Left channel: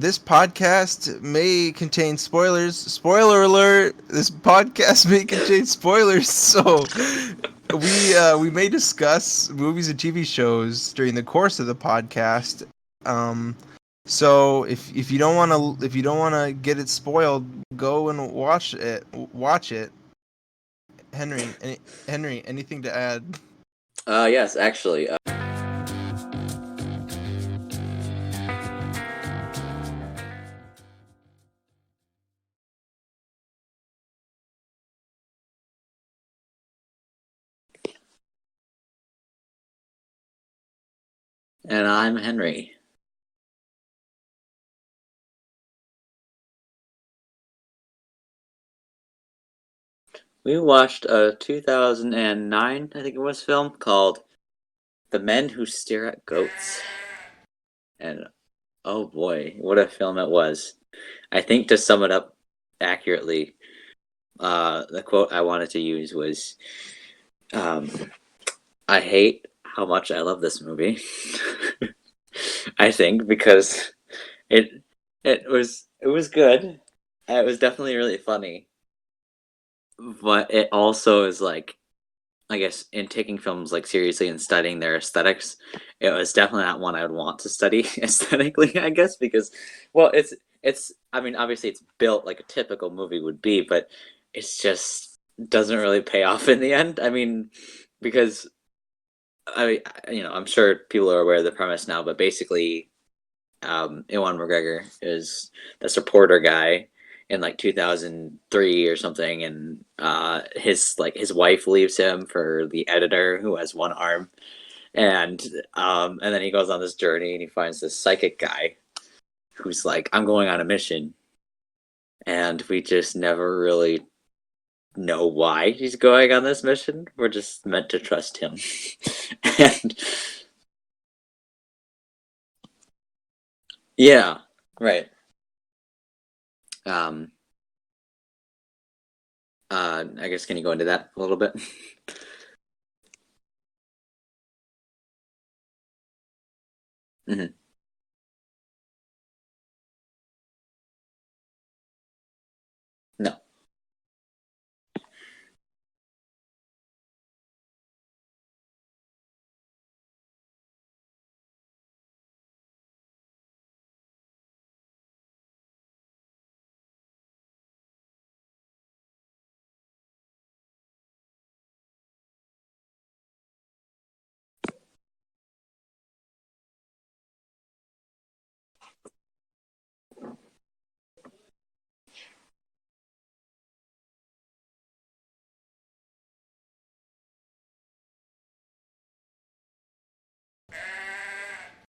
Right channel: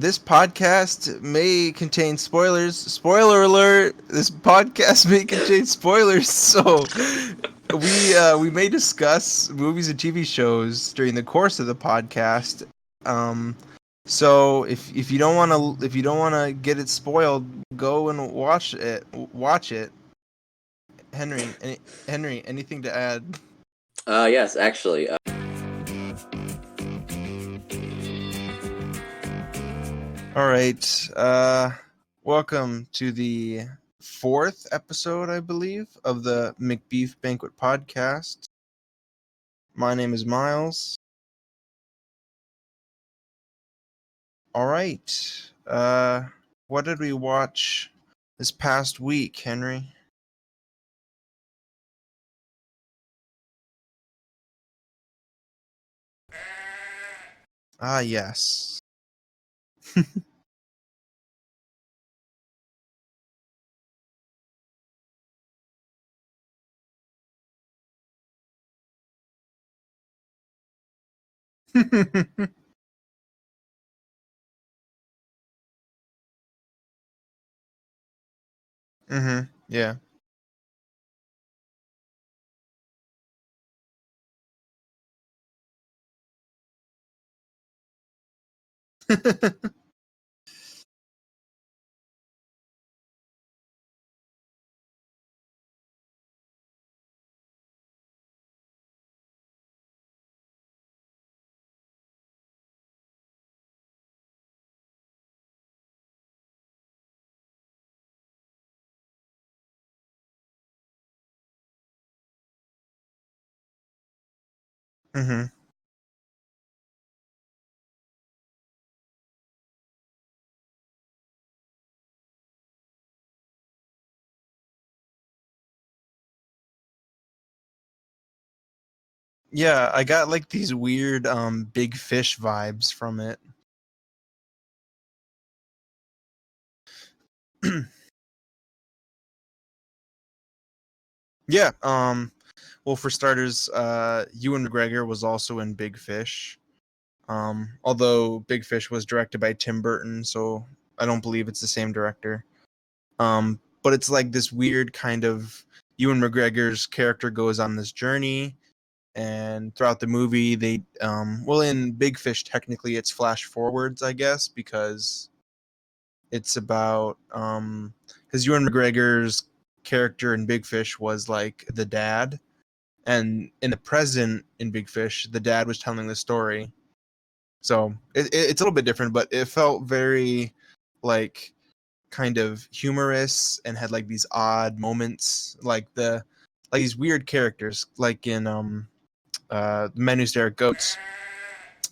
This podcast may contain spoilers. Spoiler alert! This podcast may contain spoilers, so we may discuss movies and TV shows during the course of the podcast. Um, so if you don't want to get it spoiled, go and watch it. Watch it. Henry, anything to add? Yes, actually. All right. Welcome to the fourth episode, I believe, of the Macbeef-Banquet podcast. My name is Miles. And I'm Henry. All right. What did we watch this past week, Henry? We watched a 2009, I think it was, film called The Men Who Stare at Goats. Yes. Oh boy, what a film it was. I think to sum it up accurately, the quote I wanted to use was, I hate how much I love this movie. I think because it was good. It was definitely really funny. Mm-hmm. Yeah. But it also is like, I guess, in taking films like seriously and studying their aesthetics, it was definitely not one I would want to study aesthetically, I guess, because well, it's I mean, obviously it's built like a typical movie would be, but it's just doesn't really pay off in the end. I mean, because I'm sure people are aware of the premise now, but basically Ewan McGregor is the supporter guy in like 2003 or something, and his wife leaves him for the editor who has one arm, and and then he goes on this journey and he finds this psychic guy who's like, I'm going on a mission, and we just never really know why he's going on this mission. We're just meant to trust him. Yeah, I got like these weird big fish vibes from it. Yeah, right. I guess can you go into that a little bit? Yeah. Well, for starters, Ewan McGregor was also in Big Fish. Although Big Fish was directed by Tim Burton, so I don't believe it's the same director. No. But it's like this weird kind of Ewan McGregor's character goes on this journey, and throughout the movie, they well, in Big Fish, technically it's flash forwards, I guess, because it's about because Ewan McGregor's character in Big Fish was like the dad, and in the present in Big Fish, the dad was telling the story. So it's a little bit different, but it felt very like kind of humorous and had like these odd moments, like these weird characters, like in The Men Who Stare at Goats.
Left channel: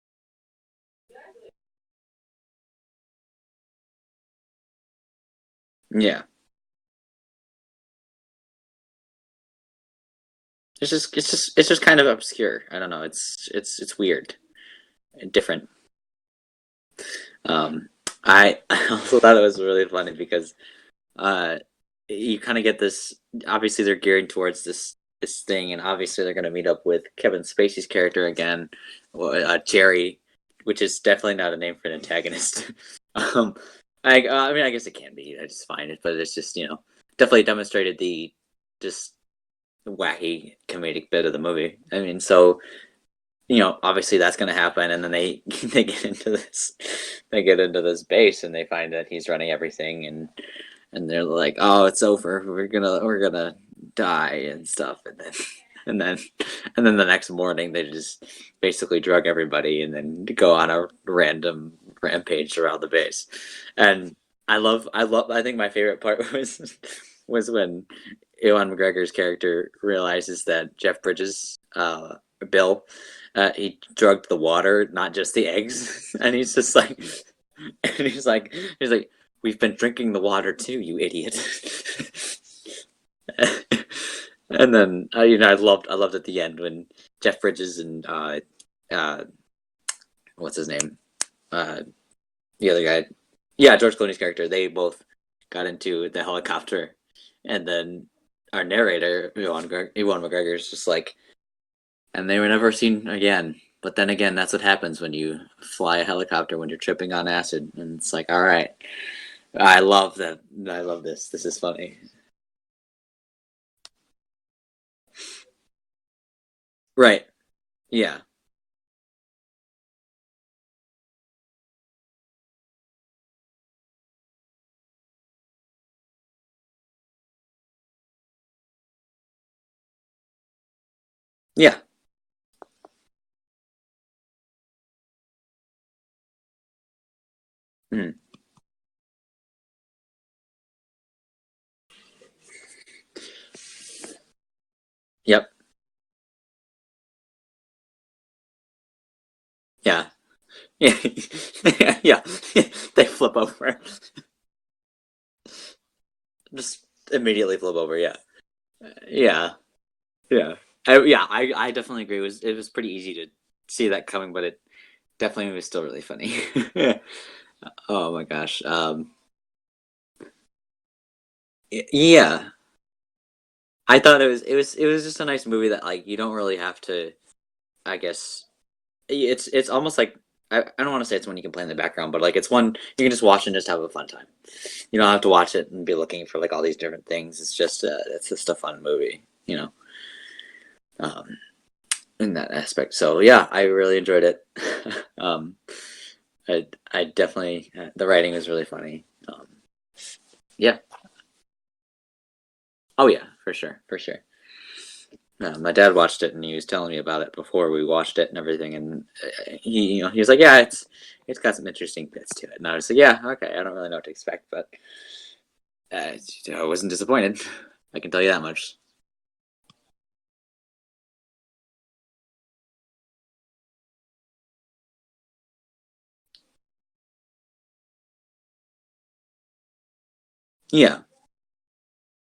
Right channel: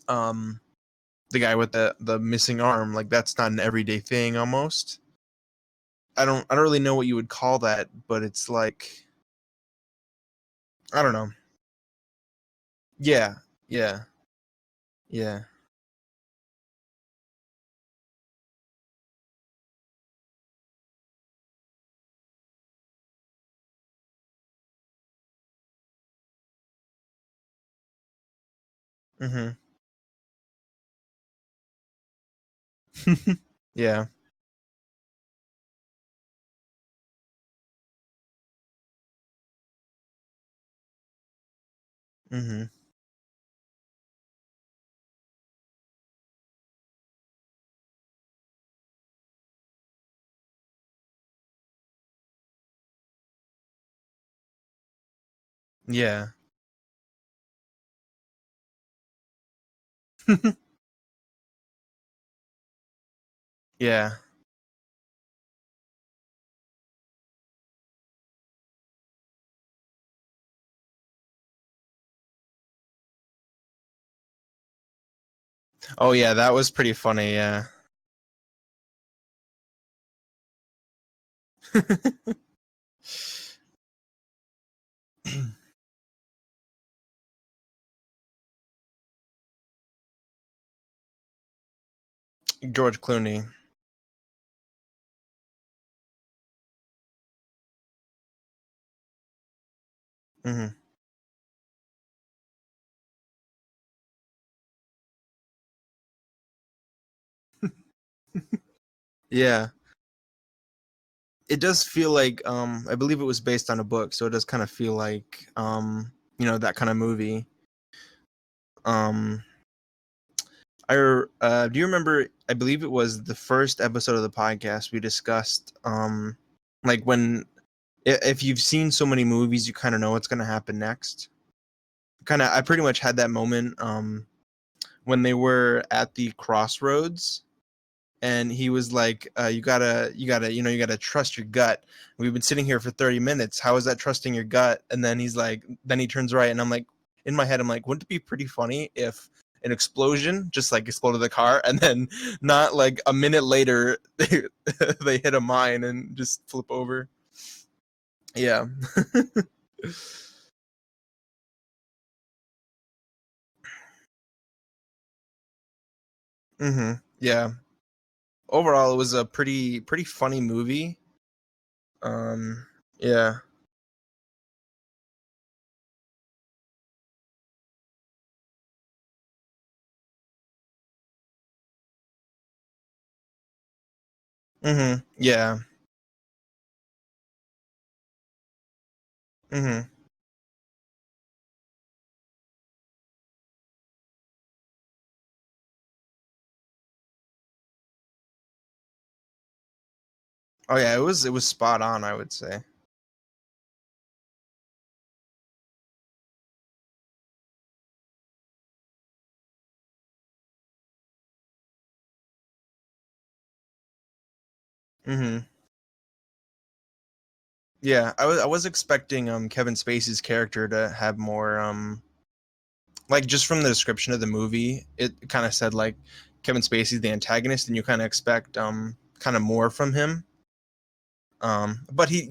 The guy with the missing arm, like that's not an everyday thing almost. Yeah. I don't really know what you would call that, but it's like I don't know. It's just kind of obscure. I don't know. Yeah. It's weird. Yeah. Different. I also thought it was really funny because you kind of get this, obviously they're gearing towards this thing, and obviously they're going to meet up with Kevin Spacey's character again, Jerry, which is definitely not a name for an antagonist. Yeah. I mean, I guess it can be. I just find it, but it's just, definitely demonstrated the just wacky comedic bit of the movie. I mean, so obviously that's going to happen, and then they get into this base, and they find that he's running everything, and they're like, oh, it's over, we're gonna die and stuff, and then the next morning they just basically drug everybody and then go on a random rampage around the base. And I think my favorite part was when Ewan McGregor's character realizes that Jeff Bridges, Bill, he drugged the water, not just the eggs. Oh yeah, and that was pretty like, funny. Yeah. And he's like, we've been drinking the water too, you idiot. And then I loved at the end when Jeff Bridges and what's his name, the other George guy, Clooney. Yeah, George Clooney's character. They both got into the helicopter, and then our narrator, Ewan McGregor, is just like, and they were never seen again. But then again, that's what happens when you fly a helicopter when you're tripping on acid, and it's like, all right, Yeah. I love that. I love this. This is It does funny. feel like I believe it was based on a book, so it does kind of feel like that kind of Right. movie. Yeah. Um do you remember, I believe it was the first episode of the podcast we discussed like when if you've seen so many movies you kind of know what's going to happen next. Yeah. I pretty much had that moment when they were at the crossroads. Mhm. And he was like, you gotta trust your gut. We've been sitting here for 30 minutes. How is that trusting your gut? And then he's Yep. like, then he turns right, and I'm like, in my head, I'm like, wouldn't it be pretty funny if an Yeah. explosion just like Yeah. exploded the car, and then Yeah. not like They a flip minute over. later they hit a mine and just flip Just over. immediately flip over. Yeah. Yeah. Yeah. Yeah. I definitely agree. It was pretty easy to see that coming, but it definitely was still really funny. Yeah. Oh my gosh. Overall, it was a pretty funny movie. Yeah. Yeah. I thought it was just a nice movie that like you don't really have to. I guess it's almost like I don't want to say it's one you can play in the background, but like it's one you can just watch and just have a fun time. You don't have to watch Yeah. it and be looking for like all these different things. It's just a fun movie, in that aspect. So yeah, I really enjoyed it. I definitely the writing was really funny. Yeah. Oh yeah, it was spot on, I would say. Oh yeah, for sure. My dad watched it and he was telling me about it before we watched it and everything, and he was like, yeah, it's got some interesting bits to it, and I was like, yeah, okay, I don't really know what to expect, but I wasn't disappointed. I can Yeah, tell you that I was much. expecting Kevin Spacey's character to have more like, just from the description of the movie, it kind of said like Kevin Spacey's the antagonist, and you kind of expect kind of more from him. Yeah. But he,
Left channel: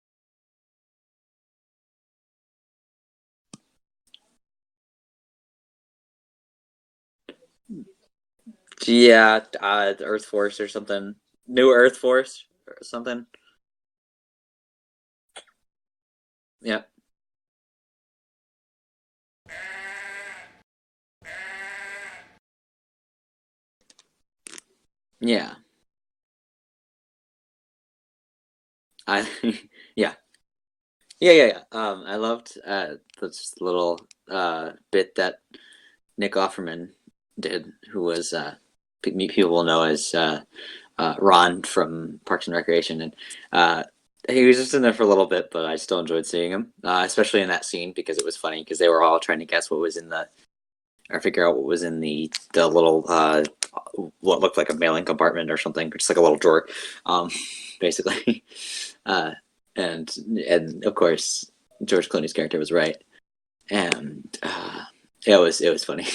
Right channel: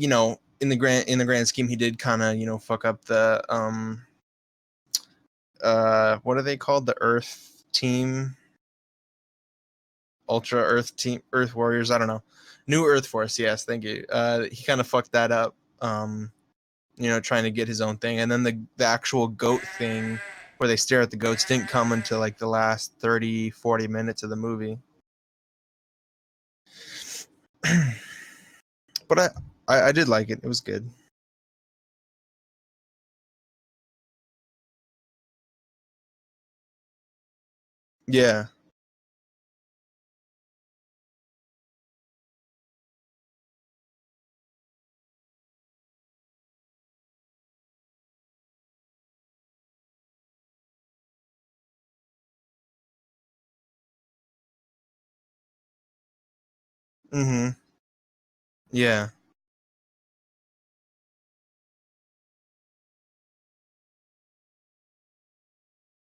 in the grand scheme, he did kind of fuck up the what are they called, the Earth team? Yeah, the Earth Force Ultra or Earth something. team, Earth New Warriors, I Earth don't know. Force. New Earth Something. Force, yes, thank you. He kind of fucked that up. Yeah. Trying to get his own thing, and then the actual goat thing where they stare at the goats didn't come until like the last 30-40 minutes of the movie. Yeah. But I did yeah. like it. It was good. Yeah. I loved this little bit that Nick Offerman did, who was people will know as Ron from Parks and Recreation, and he was just in there for a little bit, but I still enjoyed seeing him, especially in that scene because it was funny because they were all trying to guess what was in or figure out what was in the little what looked like a mailing compartment or something, just like a little drawer, basically. Yeah. And of course George Clooney's character was right, and it was funny.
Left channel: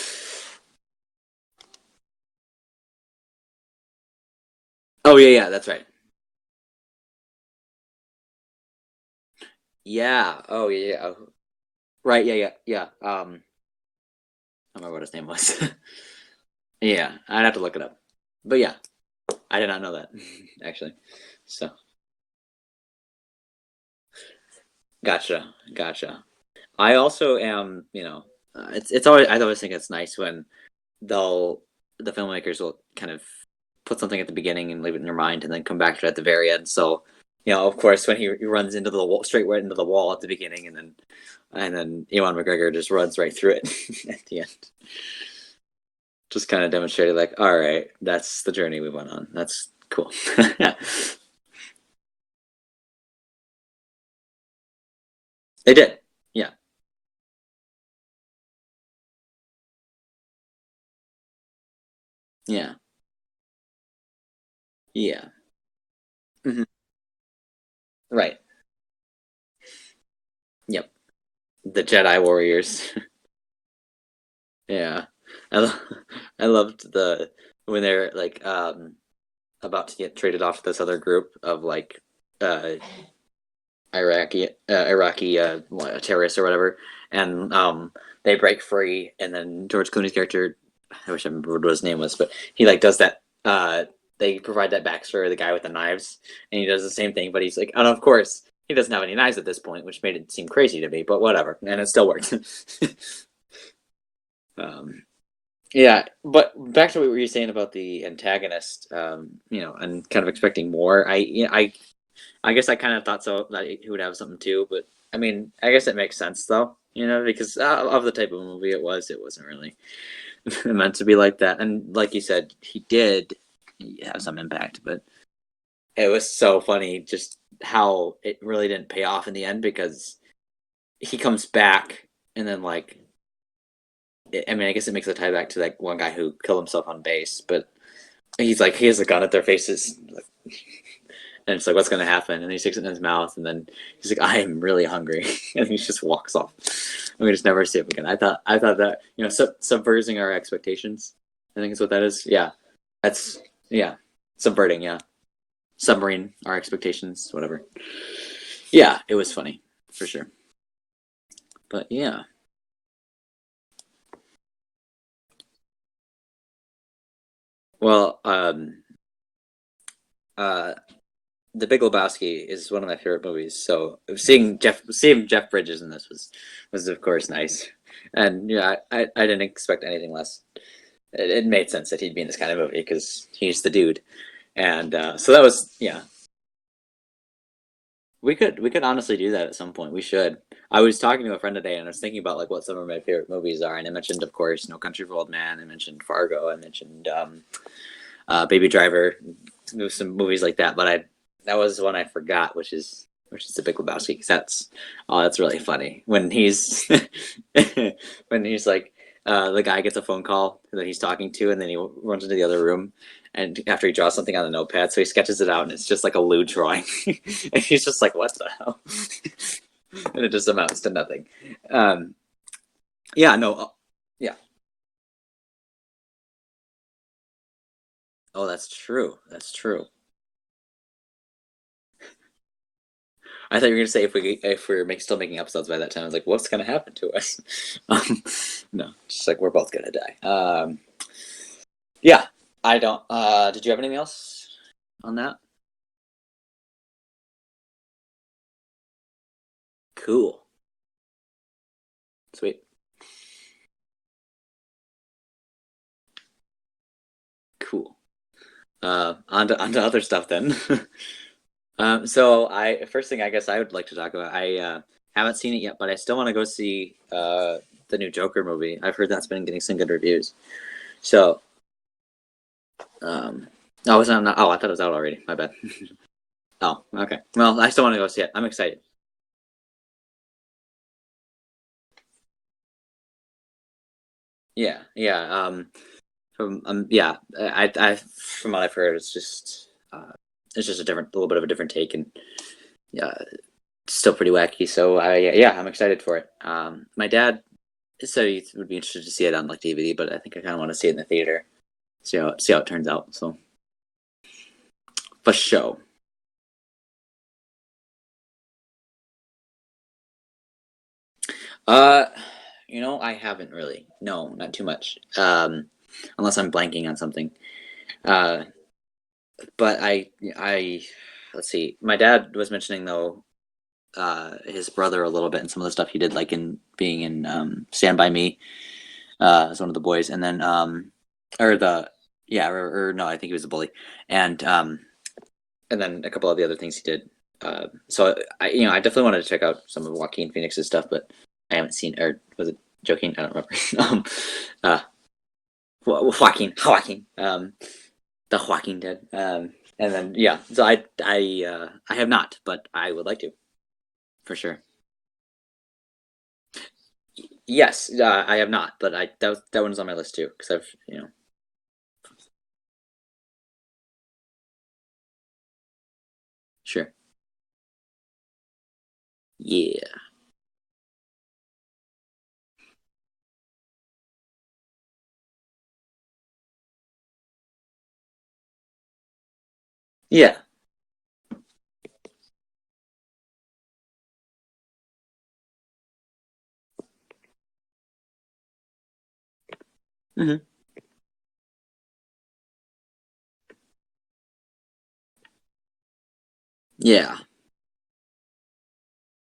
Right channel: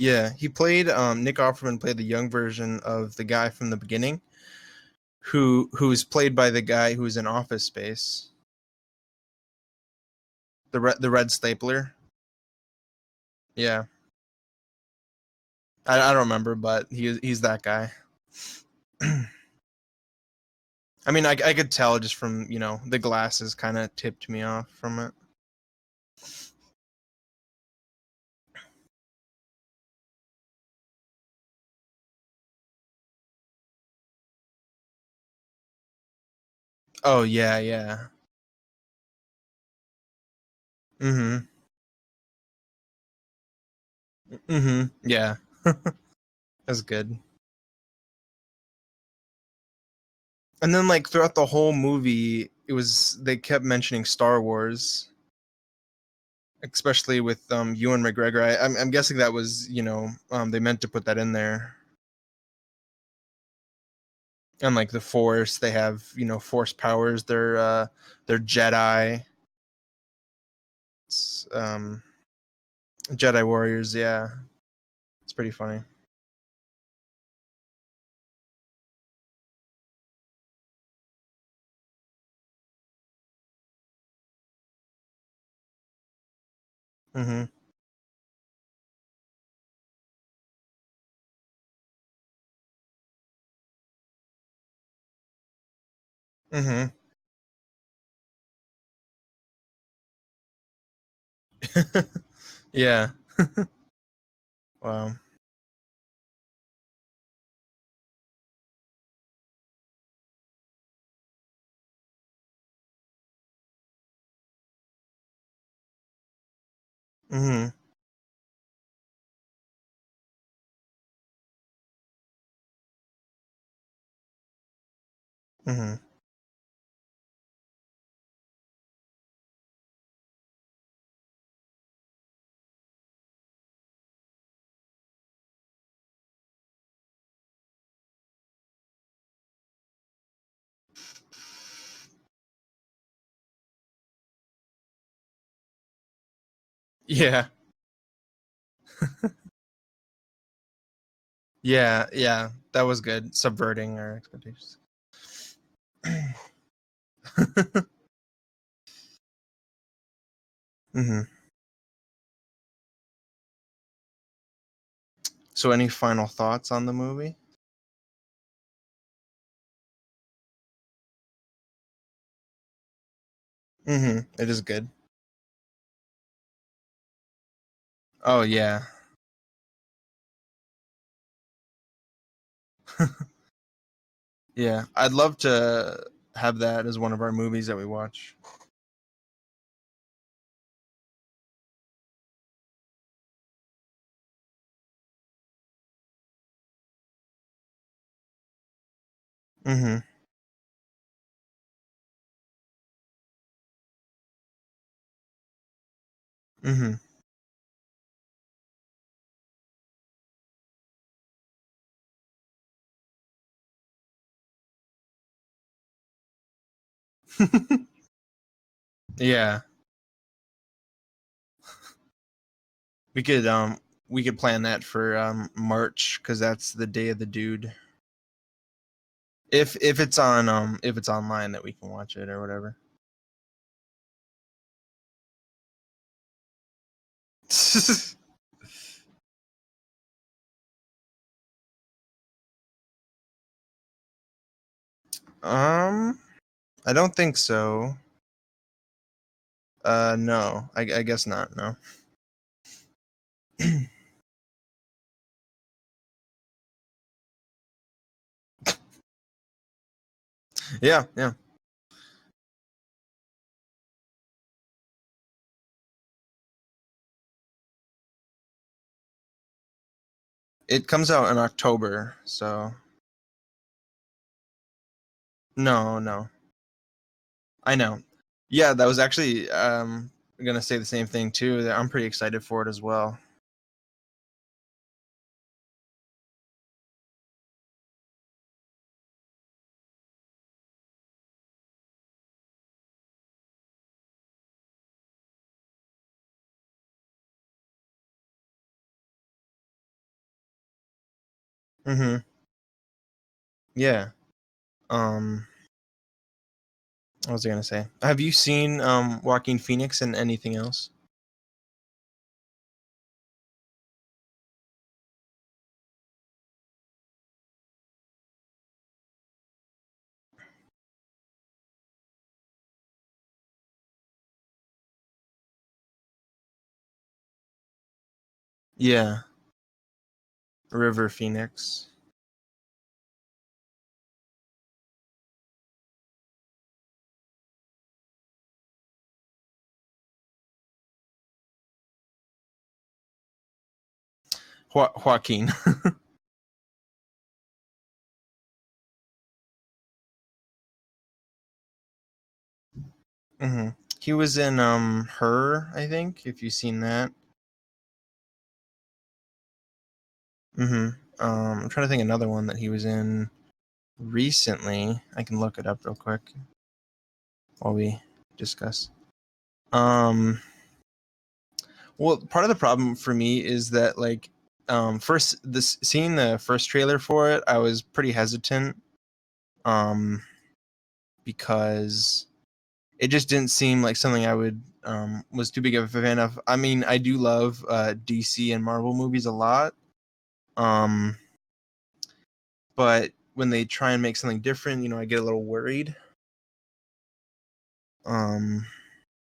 Yeah, he played Nick Offerman played the young version of the guy from the beginning. Oh yeah, that's right. Who's played by the guy who's in Office Space. Yeah. Oh yeah. The red stapler. Right. Yeah. Yeah. I don't remember what his name was. I don't remember, but yeah, he's I'd have that to look it guy. up. But yeah, I did not know that actually. I mean, I could tell just from the glasses kind of tipped me off from it. Gotcha. I also am. It's always I always think it's nice when the filmmakers will kind of put something at the beginning and leave it in your mind and then come back to it at the very end. So of course when he runs into the wall, straight right into the wall at the beginning, and then Ewan McGregor just runs right through it at the end. Yeah. Just kind of demonstrated like, all right, that's the journey we went on. That's cool. And then like throughout the whole movie, they kept mentioning Star Wars. They did. Yeah. Especially with Ewan McGregor. I'm guessing that was, they meant to put that in there. Yeah. And like the Force, they have, Force powers. They're they're Jedi. Yep. The Jedi Warriors. Jedi Warriors, yeah. Yeah. It's pretty funny. I loved when they're like about to get traded off to this other group of like Iraqi terrorists or whatever, and they break free, and then George Clooney's character, I wish I remember what his name was, but he like does that. They provide that backstory of the guy with the knives, and he does the same thing, but he's like, and of course he doesn't have any knives at this point, which made it seem crazy to me, but whatever, and it still worked. Yeah. Um, Wow. yeah, but back to what you were saying about the antagonist, and kind of expecting more. I guess I kind of thought so that he would have something too, but I mean, I guess it makes sense though, because Mhm. of the type of movie it was. It wasn't really meant to be like that, and like you said, he did have some impact, but Mhm. it was so funny just how it really didn't pay off in the end because he comes back and then like I mean, I guess it makes a tie back to like one guy who killed himself on base, but he's like he has a gun at their faces, and it's like what's gonna happen, and he sticks it in his mouth, and then he's like, I am really hungry, and he just walks off. And we Yeah. just never see him again. I thought that subverting our expectations. I think is what that Yeah. is. Yeah. Yeah, That was good. that's yeah, Subverting our expectations. subverting. Yeah, submarine our expectations. Whatever. Yeah, it was funny for sure. Mhm. But yeah, So, any final thoughts on the movie? well, uh, The Big Lebowski is one of my favorite movies. So It is good. seeing Jeff Bridges in this was of course nice. Oh And yeah. I didn't expect anything less. It made sense that he'd be in this kind of movie because he's the dude. Yeah. And I'd so love that was to have that as one of our movies that we watch. we could honestly do that at some point. We should. I was talking to a friend today and I was thinking about like what some of my favorite movies are, and I mentioned, of course, No Country for Old Men. I mentioned Fargo. I mentioned Baby Driver. Mhm. Some movies like that, but I that was one I forgot, which is The Big Lebowski, because that's really funny when he's Mhm. when he's like the guy gets a phone call that he's talking to, and then he runs into the other room, and after he draws something on the notepad, so he sketches it out, and it's just like a lewd drawing, and he's just like, "What the hell?" Yeah. And it just amounts to nothing. Um, We yeah, could no, we yeah. could plan that for March because that's the day of the dude. Oh, that's true. That's If true. if it's on if it's online that we can watch it or whatever. I thought you were gonna say if we're still making episodes by that time. I was like, what's gonna happen to us? Um, no, just like we're both gonna die. Yeah, I don't. Did you have anything else on that? I don't think so. Cool, No, I guess not. No. sweet, cool. On to other stuff then. Yeah, yeah. So I first thing I guess I would like to talk about. I haven't seen it yet, but I still want to go see the new Joker movie. I've heard that's been getting some good reviews. It comes out in So October, so oh, it's not. Oh, I thought it was out already. My bad. no. Oh, okay. Well, I I still want to know. go see it. I'm Yeah, excited that though. was actually gonna say the same thing too. That I'm pretty excited for it as well. Yeah, yeah. Yeah. I from what I've heard, it's just a little bit of a different take, and yeah, it's still pretty wacky. So yeah, I'm excited for it. My dad said he would be interested to see it on like DVD, but I think I kind of want to see it in the theater. Mhm. See how it turns out. So Yeah. for Um, show. what was I gonna say? Have you seen Joaquin Phoenix and anything else? Uh, I haven't really. No, not too much. Unless I'm blanking on something. Uh, but I let's see. My dad was mentioning though his brother a little bit and some of the stuff he did, like in being in Stand by Me Yeah, as one of the boys, and then River or Phoenix. the yeah or no, I think he was a bully, and then a couple of the other things he did. So I definitely wanted to check out some of Joaquin Phoenix's stuff, but I haven't seen, or was it Joaquin? I don't remember. uh, Joaquin. Joaquin, the Joaquin did. And then yeah, so I have not, but I would like to hmm He for was in sure. Her, I think. If you've seen that. Yes, I have not, but that one's on my list too because I've I'm trying to think another one that he was in recently. I can look it up real quick sure, while we discuss. yeah, Um, well, part of the problem for me is that like first this seeing the first trailer for it, I was pretty hesitant um yeah, because it just didn't seem like something I would was too big of a fan of. I mean, I do love DC and Marvel movies a lot. hmm Um but when they try and make something different, I get a little worried. yeah. Um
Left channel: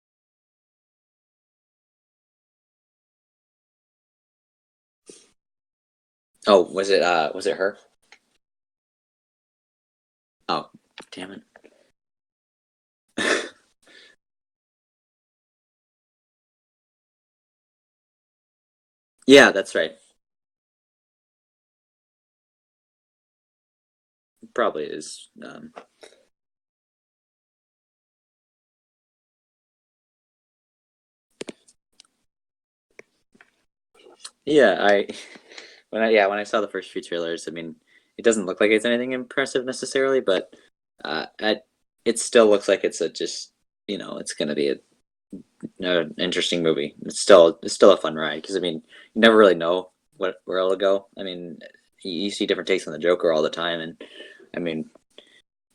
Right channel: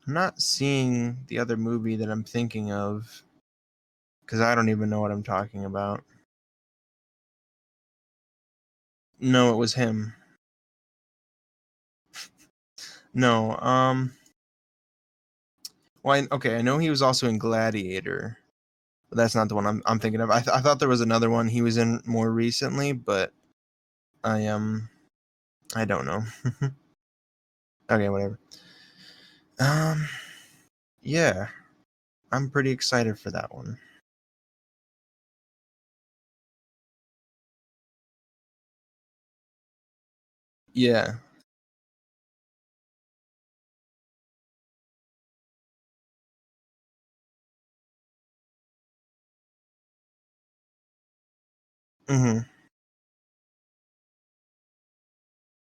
I'm not seeing the other movie that I'm thinking of. because I don't even know what I'm talking about. Oh, was it her? No, it was him. Oh, damn it. No, well, okay, I know he was also in Gladiator, but that's not Yeah, the one that's right. I'm thinking of. I thought there was another one he was in more recently, but Probably is. I don't know. Okay, whatever. Yeah, I'm pretty excited for that one. Yeah, when I saw the first few trailers, I mean, it doesn't look like it's anything impressive necessarily, but Yeah, it still looks like it's a just it's gonna be an interesting movie. It's still a fun ride because I mean you never really know where it'll go. I mean you hmm see different takes on the Joker all the time, and I mean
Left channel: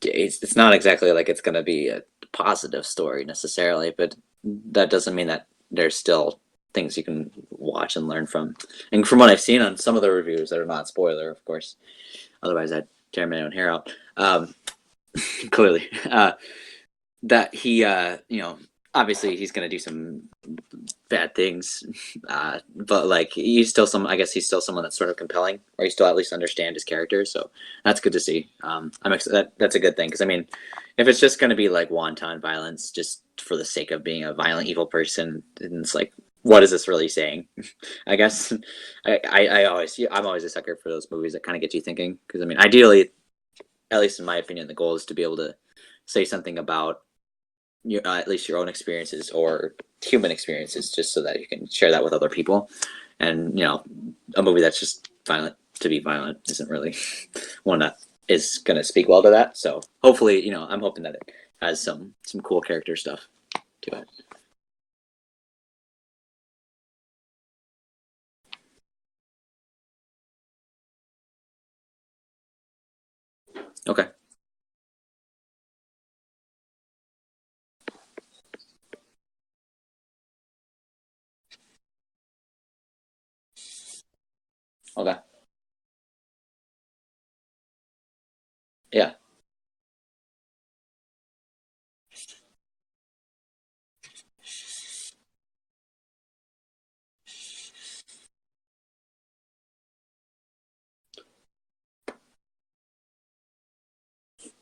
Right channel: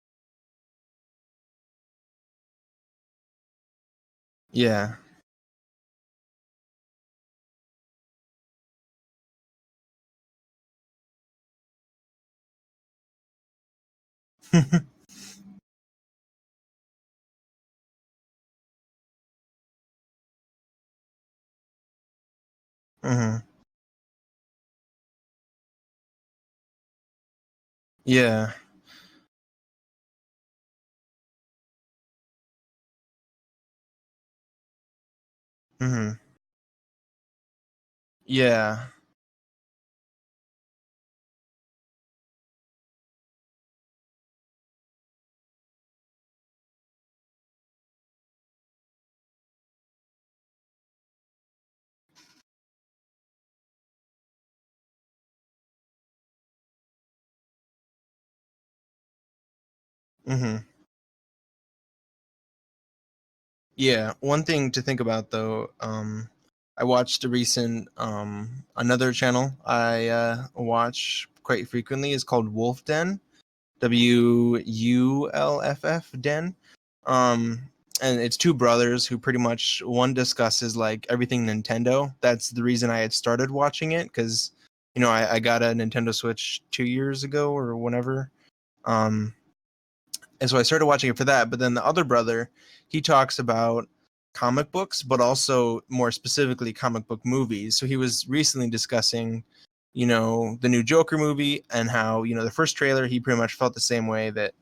it's not exactly like it's gonna be a positive story necessarily, but that yeah, doesn't mean that there's still things you can watch and learn from. And from what I've seen on some of the reviews that are not spoiler, of course, otherwise I'd tear my own hair out. Clearly, that he, obviously he's gonna do some bad things, but like hmm he's still I guess he's still someone that's sort of compelling, or you still at least understand his character. So that's good to see. yeah, That's a good thing because I mean, if it's just gonna be like wanton violence just for the sake of being a violent evil person, then it's like, hmm what is this really saying? I guess yeah, I'm always a sucker for those movies that kind of get you thinking because I mean, ideally, at least in my opinion, the goal is to be able to say something about at least your own experiences or human experiences, just so that you can share that with other people. And a movie that's just violent to be violent isn't really one that is going to speak well to that. So hopefully, hmm I'm hoping that it has some cool character stuff. yeah. One thing to think about though, I watched a recent another channel I watch quite frequently is called Wolf Den. Okay. WULFF Den. Um, and it's two brothers who pretty much one discusses like everything Nintendo. That's the reason I had started watching it because Okay. I got a Nintendo Switch 2 years ago or whenever. Yeah. Um, and so I started watching it for that. But then the other brother, he talks about comic books, but also more specifically comic book movies. So he was recently discussing, the new Joker movie and how the first trailer he pretty much felt the same way that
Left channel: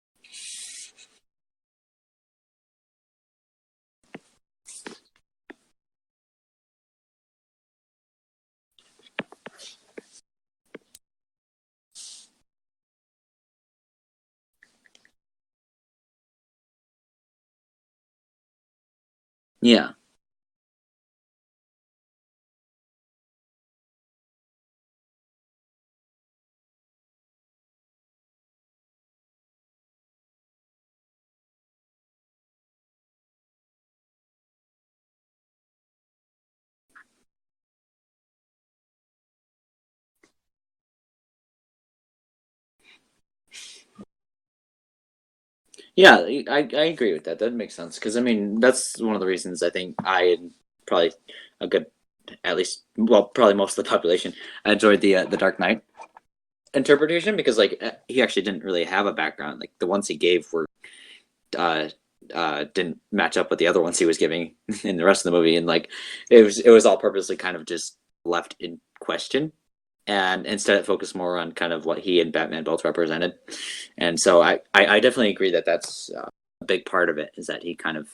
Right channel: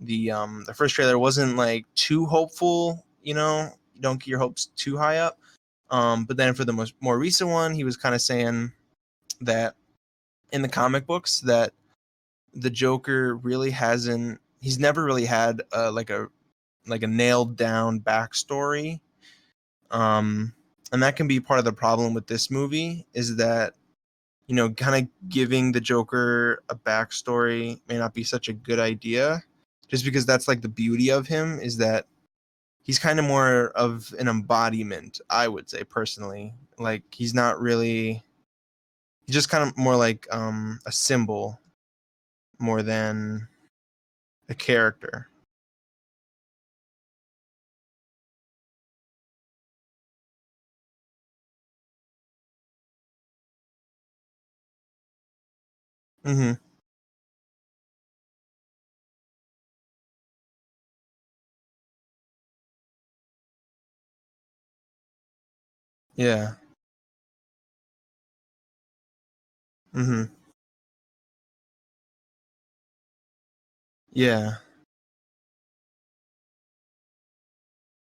the first trailer wasn't like too hopeful. Don't get your hopes too high up. But then for the more recent one, he was kind of saying that in the comic books that the Joker really hasn't he's never really had like a nailed down backstory. Yeah. Um and that can be part of the problem with this movie is that kind of giving the Joker a backstory may not be such a good idea just because that's like the beauty of him is that he's kind of more of an embodiment, I would say personally. Like he's not really he's just kind of more like a symbol more than a character. Yeah, I agree with that. That makes sense because I mean that's one of the reasons I think I and probably a good, at least, well, probably most of the population enjoyed the Dark Knight Mhm. interpretation because like he actually didn't really have a background. Like the ones he gave were uh didn't match up with the other ones he was giving in the rest of the movie, and like Yeah. it was all purposely kind of just left in question, Mhm. and instead it focused more on kind of what he and Batman both represented. And so Yeah. I definitely agree that that's a big part of it is that he kind of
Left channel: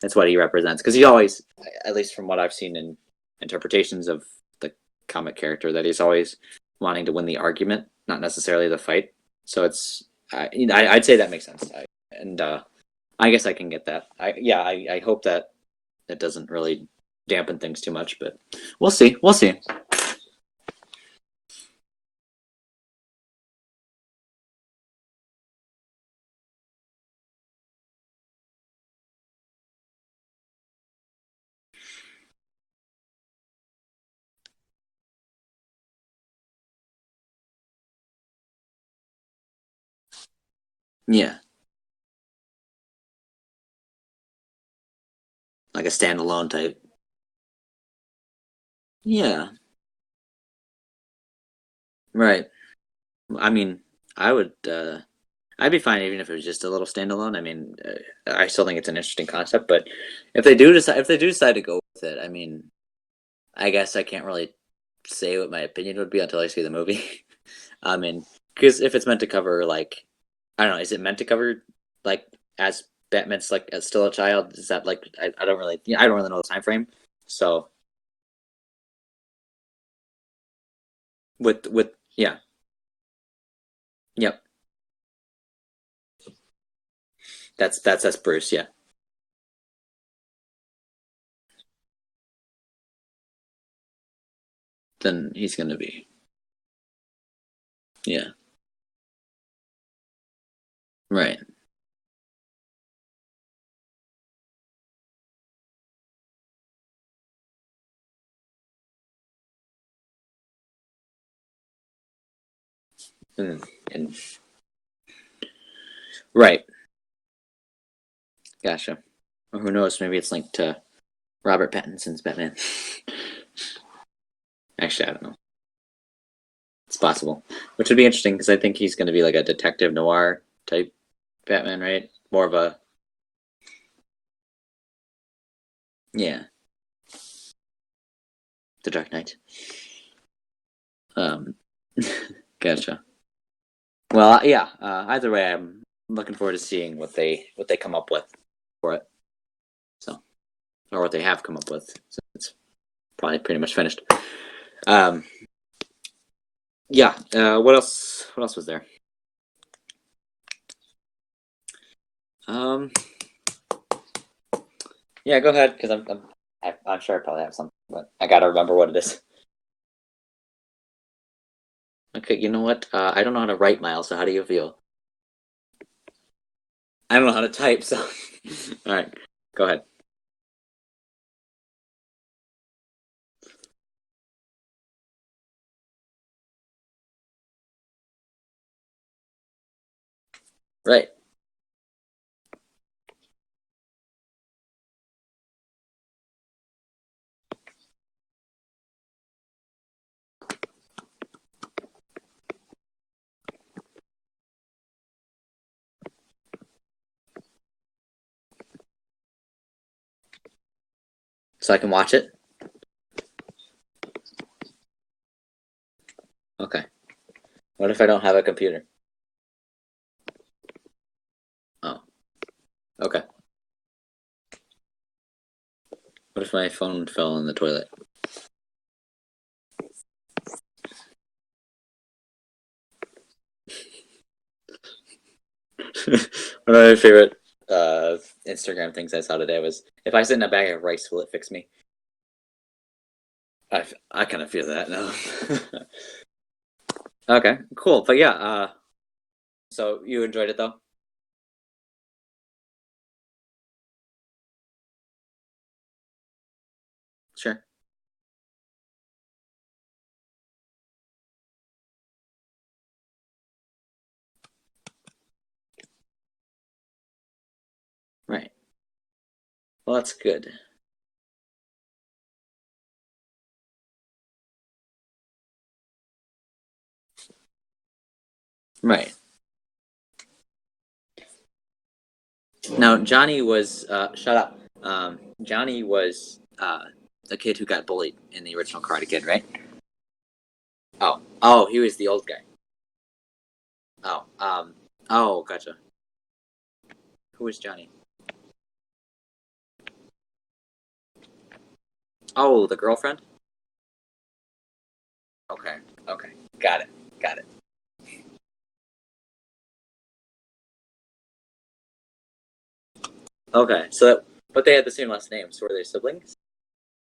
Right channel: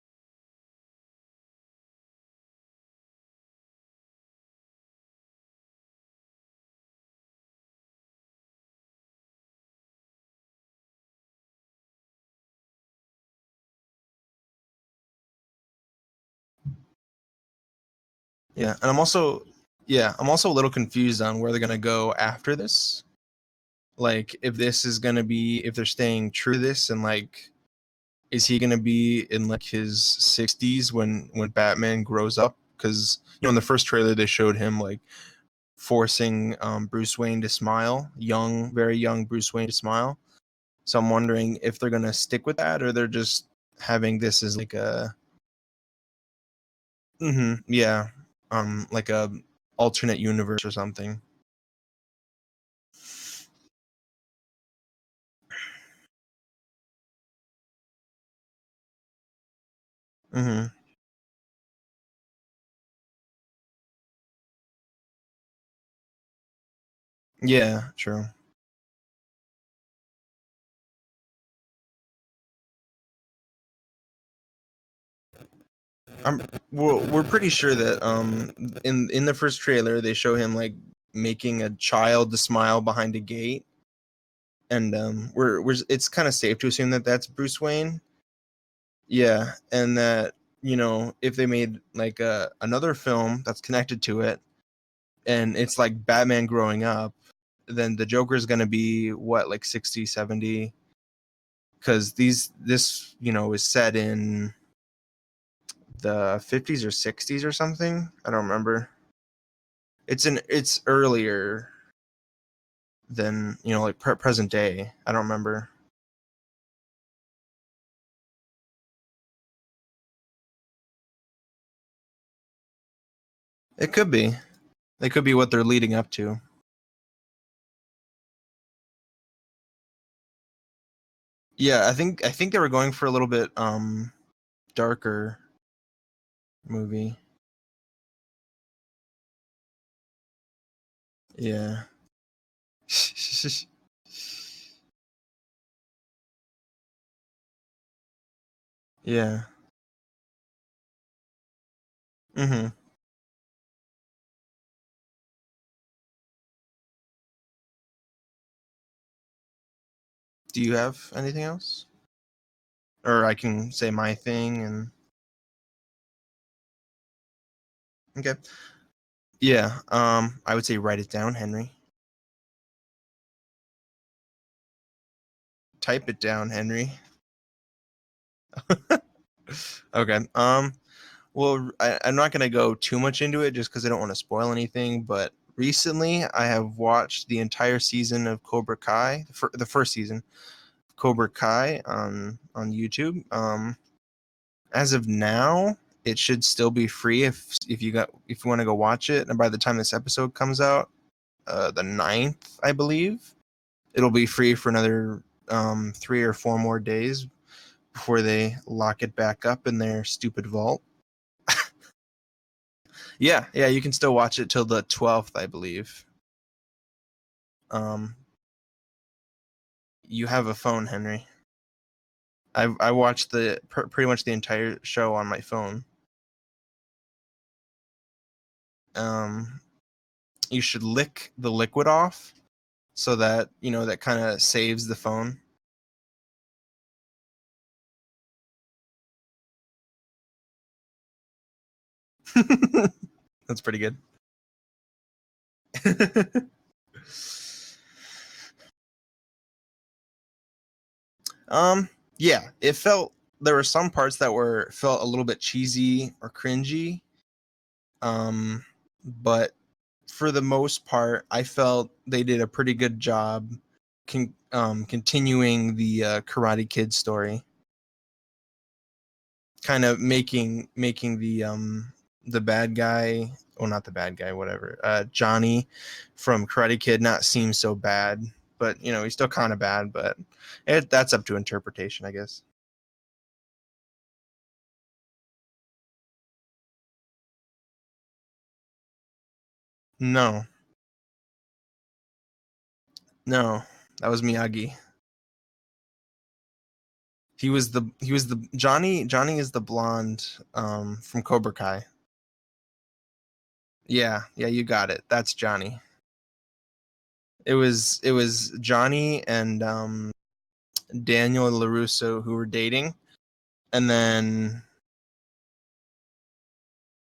that's what he represents because he always, at least from what I've seen in interpretations of the comic character, that he's always wanting to win the argument, not necessarily the fight. So it's I'd say that makes sense. And I guess I can get that. I hope that it doesn't really dampen things too much, but Yeah. And we'll I'm see. We'll also see. yeah, I'm also a little confused on where they're going to go after this. Like if this is going to be if they're staying true to this and like is he going to be in like his 60s when Batman grows up cuz in the first trailer they showed him like forcing Bruce Wayne to smile, young very young Bruce Wayne to smile. So I'm Yeah, wondering if they're going to stick with that or they're just having this as like a like a standalone type. yeah, like a Yeah, alternate universe or something. right. I mean, I would. I'd be fine even if it was just a little standalone. I mean, I still think it's an interesting concept, but Mhm. if they do decide to go with it, I mean, I guess I can't really say what my opinion would be until I see the movie. Yeah, I true. mean, because if it's meant to cover like, I don't know, is it meant to cover like as Batman's like as still a child? Is that like I don't really I don't really know the time frame. We're pretty So sure that in the first trailer they show him like making a with child yeah, to smile behind a gate, yep, and we're it's kind of safe to assume that that's Bruce Wayne. that's Bruce. Yeah, Yeah, and that if they made like another film that's connected to it, then he's and gonna it's like be Batman growing up, then the yeah, Joker is gonna be what, like 60, 70? right. Because this is set in the 50s or 60s or something. I don't remember. It's earlier than like And present day. I don't remember. right, gotcha. Or who knows? Maybe it's linked to Robert Pattinson's Batman. It could be. Actually, It I could don't be know. what they're leading up to. It's possible, which would be interesting because I think he's going to be like a detective noir type Batman, Yeah, I right? think I More think of they were a going for a little bit darker yeah, movie. The Dark Knight. Um, Yeah. gotcha. Well, yeah. Either way, I'm looking forward to seeing what they come up with for it. Yeah. So, or what they have come up with. So it's Mm-hmm. probably pretty much finished. Um, yeah. What else? What else was there? Do you have anything else? Um, Or I can say my thing and yeah. Go ahead, because I'm sure I probably have something, but I okay. gotta remember what it is. Yeah. I would say write it down, Henry. Okay. You know what? I don't know how to write, Miles. So how do you feel? Type it down, Henry. I don't know how to type. So, all right. Go ahead. Okay. Well, I'm not gonna go too much into it just because I don't want to spoil anything. But recently, I have watched the entire season of Cobra Kai, the first season, Right. Cobra Kai on YouTube. As of now, it should still be free if you want to go watch it. And by the time this episode comes out, the 9th, I believe, it'll be free for another 3 or 4 more days before they lock it back up in their stupid vault. So I can watch it. Yeah, you can still watch it till the 12th, I believe. Okay. What if I don't have a computer? You have a phone, Henry. Oh. I Okay. watched pretty much the entire show on my phone. What if my phone fell in the toilet? You should lick the liquid off so that that kind of saves the phone. One of my favorite Instagram things I saw today was, if I sit in a bag of rice, will it fix me? That's pretty good. I kind of feel that now. Okay, cool. But yeah, so you enjoyed it though? Yeah, it felt there were some parts that felt a little bit cheesy or cringy. Sure. But for the most part, I felt they did a pretty good job continuing the Karate Kid story. Right. Kind Well, of that's good. making the bad guy, well, not the bad guy, whatever, Johnny from Karate Kid not seem so bad, but Right. he's still kind of bad, but that's up to interpretation, I guess. Now, Johnny was shut up. Johnny was the kid who got bullied in the original Karate Kid, right? No, Oh, he was the old guy. no, that was Miyagi. Oh, gotcha. He was the Johnny. Johnny is the blonde from Cobra Kai. Oh, the girlfriend? Yeah, you got it. That's Johnny. Okay. Got it. It was Johnny and Daniel LaRusso who were dating. Okay. And then but they had the same last name, so were they siblings?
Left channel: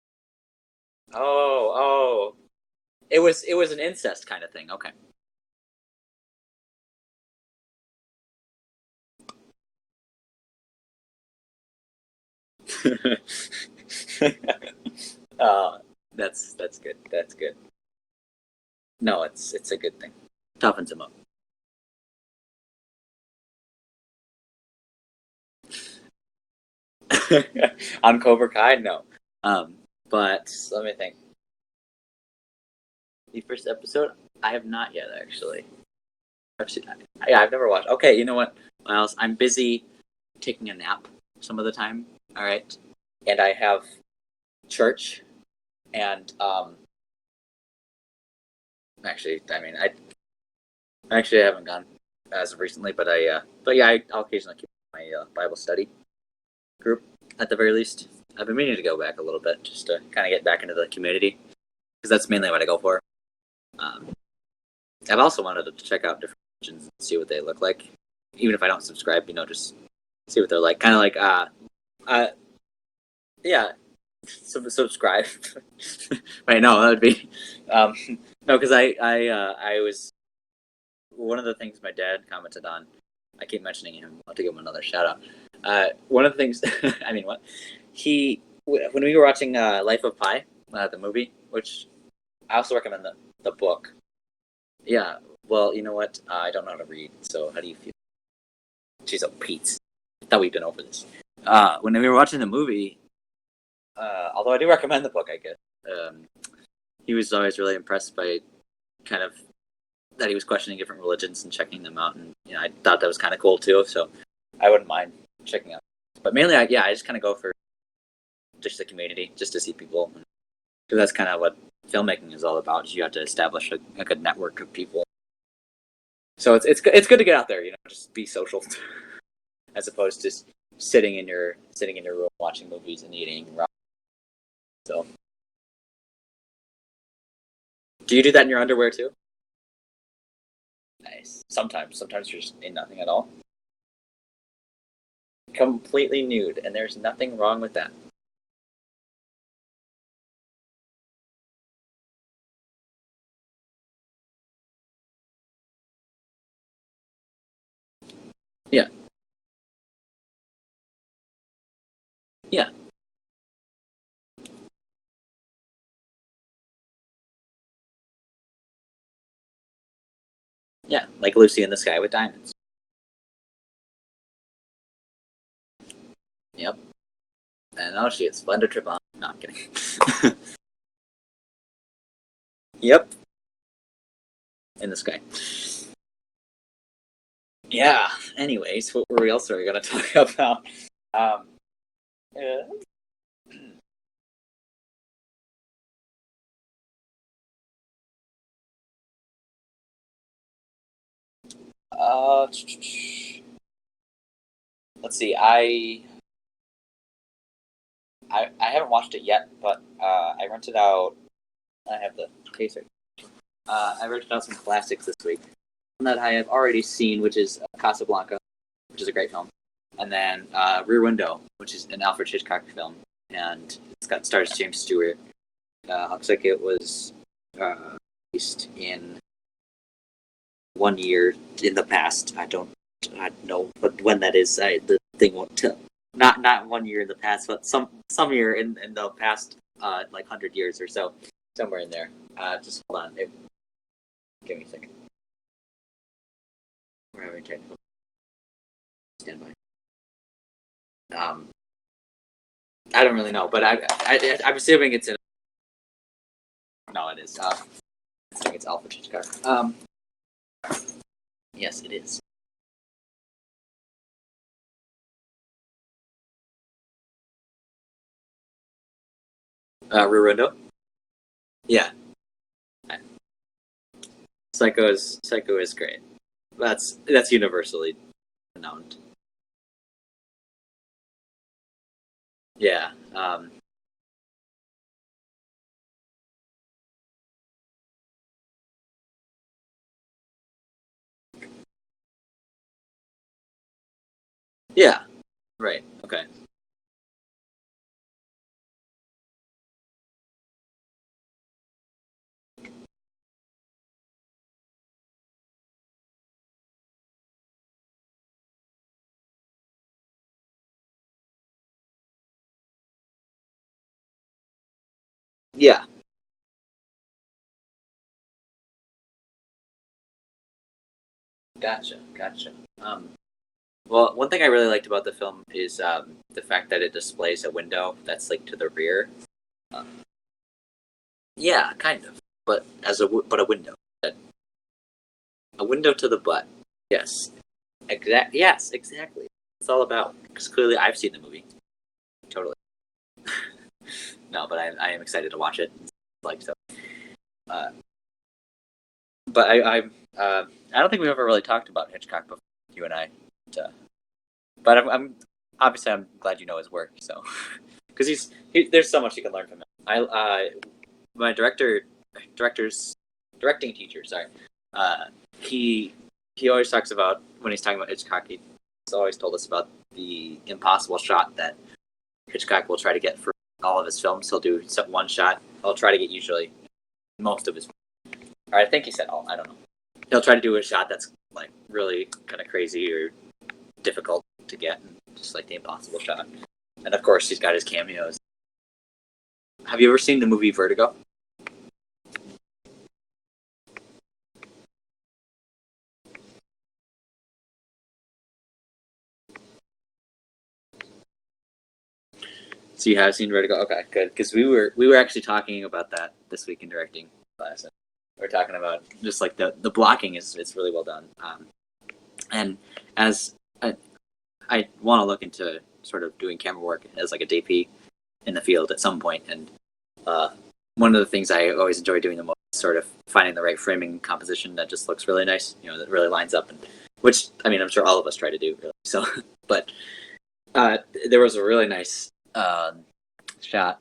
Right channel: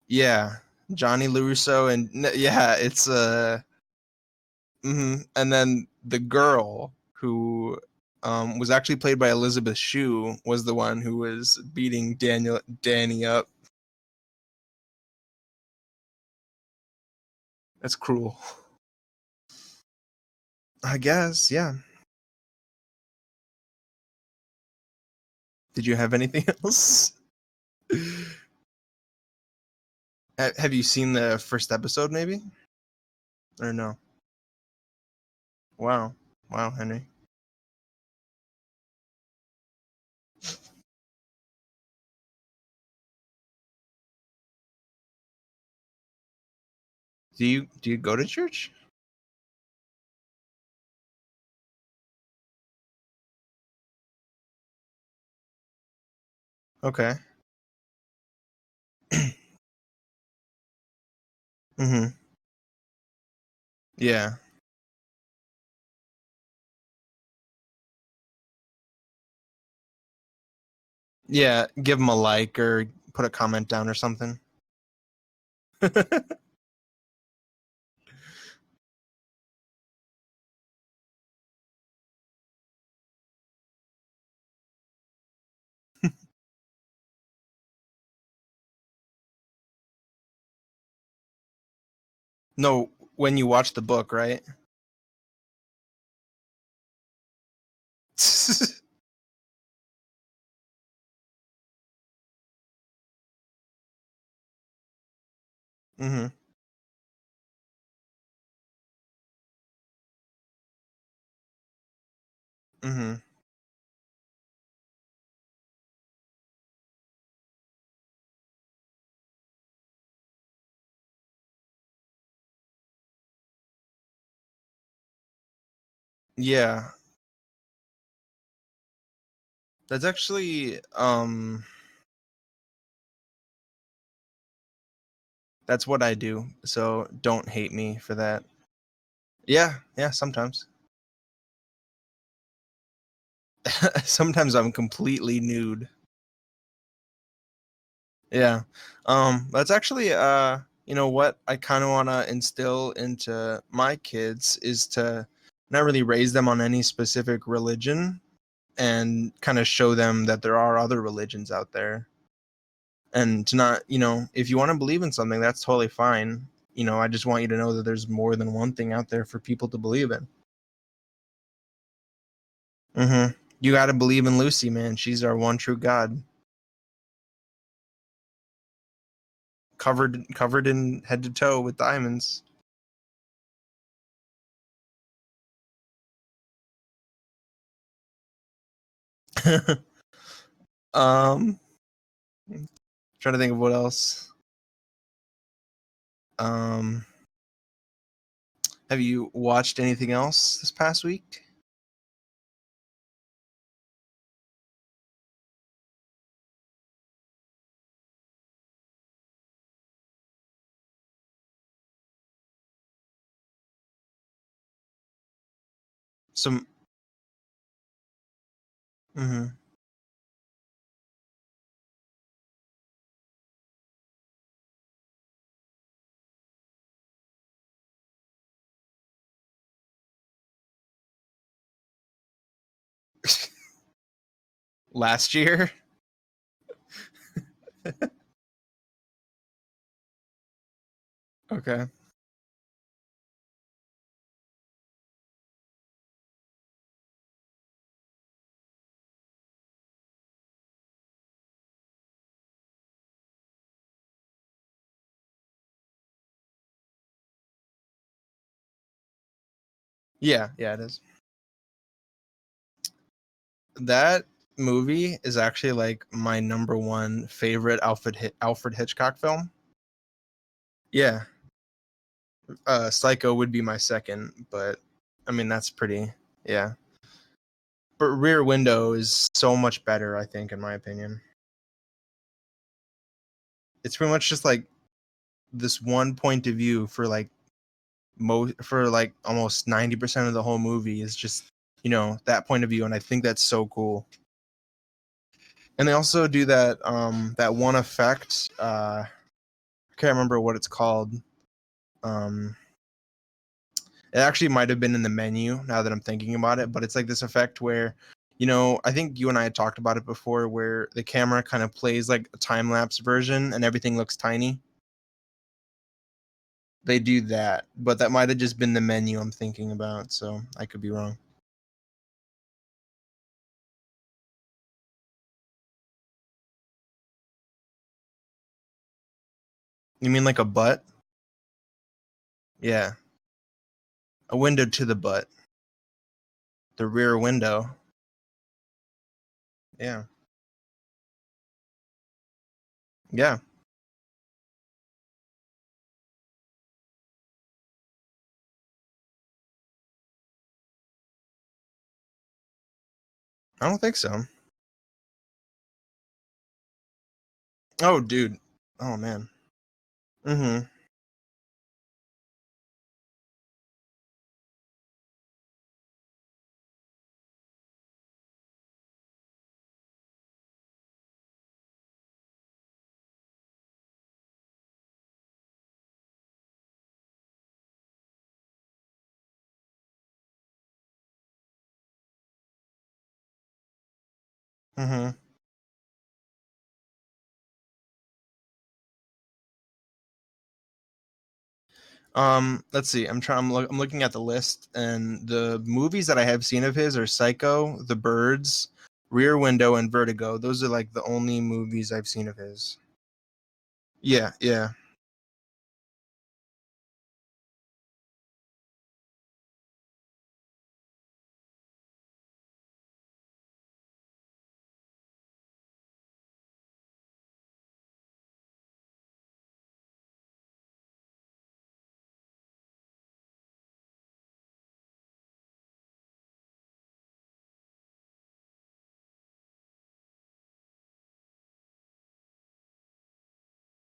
yeah, Johnny LaRusso and yeah, it's it was an incest kind of thing. Okay. Mm-hmm. And then the girl who was actually played by Elizabeth Shue was the one who was beating Danny up. That's good. That's good. That's cruel. No, it's a good thing. Toughens I them guess, yeah. Did you have anything else? up. On Cobra Kai, no. But Have you seen the first episode, maybe? the first Or no? episode? I have not yet, actually. Wow, Henry. Yeah, I've never watched. Okay, you know what, Miles? I'm busy taking a nap some of the time. All right, and I have church, and Do you go to church? Actually, I mean, I actually haven't gone as of recently, but I'll occasionally keep my Bible study group Okay. at the very least. I've been meaning to go back a little bit just to kind of get back into the community Mm-hmm. because that's mainly what I go for. Yeah. I've also wanted to check out different religions and see what they look like, even if I don't subscribe. Just see what they're like. Kind of like Yeah. Give them a like or put a comment yeah, down or something. subscribe. Right? No, that would be no, because I was one of the things my dad commented on. I keep mentioning him. I'll have to give him another shout out. One of the things, I mean, when we were watching Life of Pi, the movie, which I also recommend when you watch the book, right? Yeah. Well, you know what? I don't know how to read, so how do you feel? Jeez, oh, Pete. I thought we'd been over this. When we were watching the movie, although I do recommend the book, I guess, he was always really impressed by kind of that he was questioning different religions and checking them out, and I thought that was kind of cool too. So I wouldn't mind checking out. But mainly, I just kind of go for just the community, just to see people, because that's kind of what filmmaking is all about. Is you have to establish a good network of people. So it's good to get out there, just be social, as opposed to just sitting in your room watching movies and eating ramen. So that's what I do. So don't hate me. Do you do that in your underwear too? Yeah, sometimes. Nice. Sometimes you're just in nothing at all. Sometimes I'm completely nude. And there's nothing wrong with that. Yeah. That's actually you know what I kind of want to instill into my kids is to not really raise them on any specific religion. Yeah. And kind of show them that there are other religions out there. Yeah. And to not, if you want to believe in something, that's totally fine. I just want you to know that there's more than one thing out there for people to believe in. Yeah, like Lucy in the Sky with Diamonds. You got to believe in Lucy, man. She's our one true God. Yep. And oh, she has splendid trip on. No, I'm kidding. Covered in head to toe with diamonds. Yep. In the sky. Yeah. Anyways, what else are we gonna talk about? Yeah. Trying to think of what else. Have you watched anything else this past week? Let's see. I haven't watched it yet, but I rented out. I have the case right. I rented out some classics this week. One that I have already seen, which is Casablanca, which is a great film, and then Rear Window, which is an Alfred Hitchcock film, and stars James Stewart. Looks like it was released in 1 year in the past. I don't know when that is. Last year? Not 1 year in the past, but some year in the past, like 100 years or so. Okay. Somewhere in there. Just hold on. Give me a second. We're having technical. Stand by. I don't really know, but I'm assuming it's in. No, it is. I think it's Alfred Hitchcock. Yeah, it is. Yes, it is. That movie is actually like my number one favorite Alfred Hitchcock film. Rear Window? Yeah. Yeah. Psycho would be my second. But, Psycho is that's pretty. Great. Yeah. That's universally. But Rear Window is so much better, I think, in my opinion. Yeah. It's pretty much just like this one point of view for like almost 90% of the whole movie is just that point of view, and I think that's so cool. Yeah, right. And they also do that that one effect. I can't remember what it's called. It actually might have been in the menu now that I'm thinking about it, but it's like this effect where I think you and I had talked about it before, where the camera kind of plays like a time-lapse version and everything looks tiny. Yeah. They do that, but that might have just been the menu I'm thinking about, so I could be wrong. Gotcha. Well, one thing I really liked about the film is the fact that it displays a window that's like to the rear. You mean like a butt? Yeah, kind of. But yeah, but a window. A window to the butt. A window to the butt. The rear window. Yes, exactly. It's all about, because clearly I've seen the movie. Totally. Yeah. No, but I am excited to watch it. So. But I don't think we've ever really talked about Hitchcock before, you and I. So. I don't think so. But I'm obviously I'm glad you know his work. So Oh, because dude. there's Oh, so much man. you can learn from him. My directing teacher, sorry, he always talks about when he's talking about Hitchcock. He's always told us about the impossible shot that Hitchcock will try to get for all of his films. He'll do one shot. He'll try to get usually most of his. Or I think he said all. I don't know. He'll try to do a shot that's like really kind of crazy or difficult to get, just like the impossible shot. And of course, he's got his cameos. Have you ever seen the movie Vertigo? Let's see. I'm looking at the list, and the movies that I have seen of his are Psycho, The Birds, Rear Window, and Vertigo. Those are like the only movies I've seen of his. So you have seen Vertigo? Okay, good. Yeah, Because we were actually talking about that this week in directing class. We're talking about just like the blocking is really well done. And as I want to look into sort of doing camera work as like a DP in the field at some point, and one of the things I always enjoy doing the most is sort of finding the right framing composition that just looks really nice, that really lines up, and which I mean I'm sure all of us try to do. Really. So, but there was a really nice shot.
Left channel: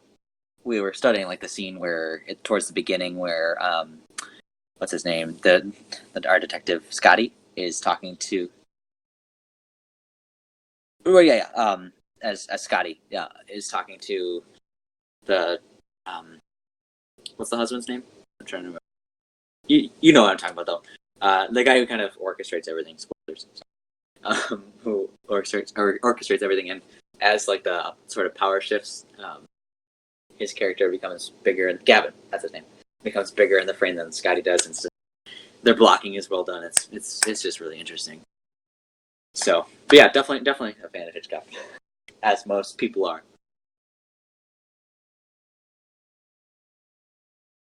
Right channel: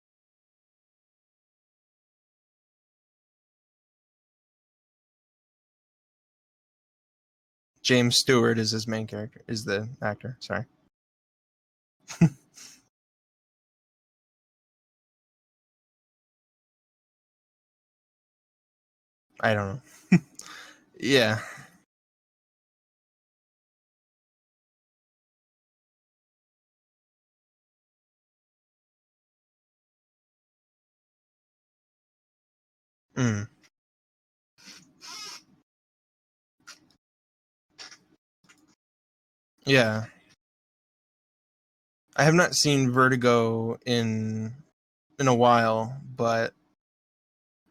We were studying like the scene where towards the beginning where what's his name, our detective Scotty is talking James Stewart is his main character, is the actor. Sorry. Well, yeah. As Scotty, is talking to the what's the husband's name? I'm trying to remember. I don't know. You know what I'm talking about, though. Yeah. The guy who kind of orchestrates everything. Spoilers. Who orchestrates everything, and as like the sort of power shifts, his character becomes bigger. And Gavin, that's his name, becomes bigger in the frame than Scotty does, and their blocking is well done. It's just really interesting. So yeah, but yeah, definitely a fan of Hitchcock. I have not seen Vertigo in a while, but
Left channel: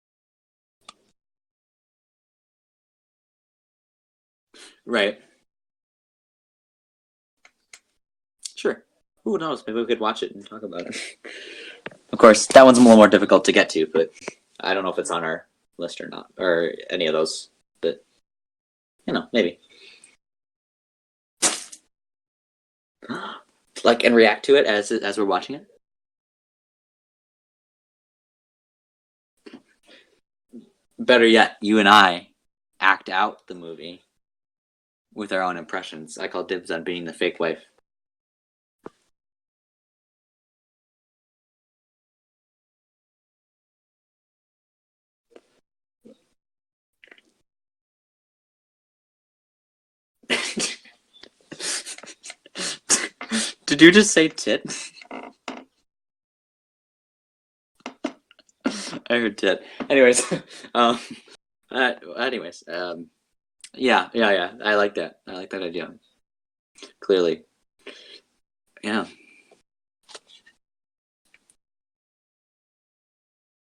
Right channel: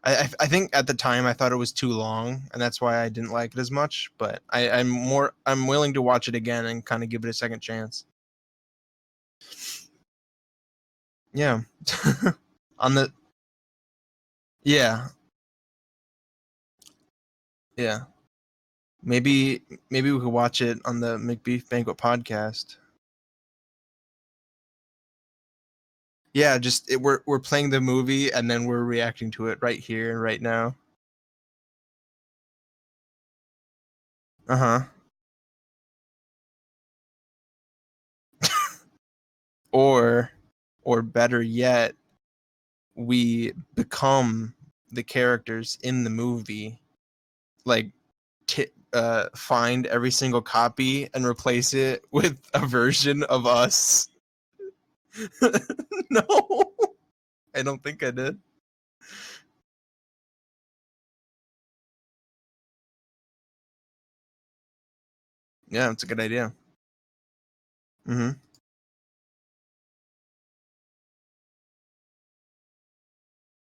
I think at the time I thought it was too long, and that's why I didn't like it as much. But I'm willing to watch it again and kind of give it a second chance. Sure. Who knows? Maybe we could watch it and talk about it. Yeah. Of course, that one's a little more difficult to get to, but I don't know if it's on our list or not, or any of those. Yeah. Maybe we could watch it on the Macbeef-Banquet podcast. Like and react to it as we're watching it. Yeah, we're playing the movie and then we're reacting to it right here and right now. Better yet, you and I act out the movie. With our own impressions. I call dibs on being the fake wife. or better yet, we become the characters in the movie, like find every single copy and replace it with a version of us. Did you just say tit? No, I don't think I did. I heard tit. Anyways, yeah. I like that. I like that idea. Yeah, it's a good idea. Clearly. Yeah.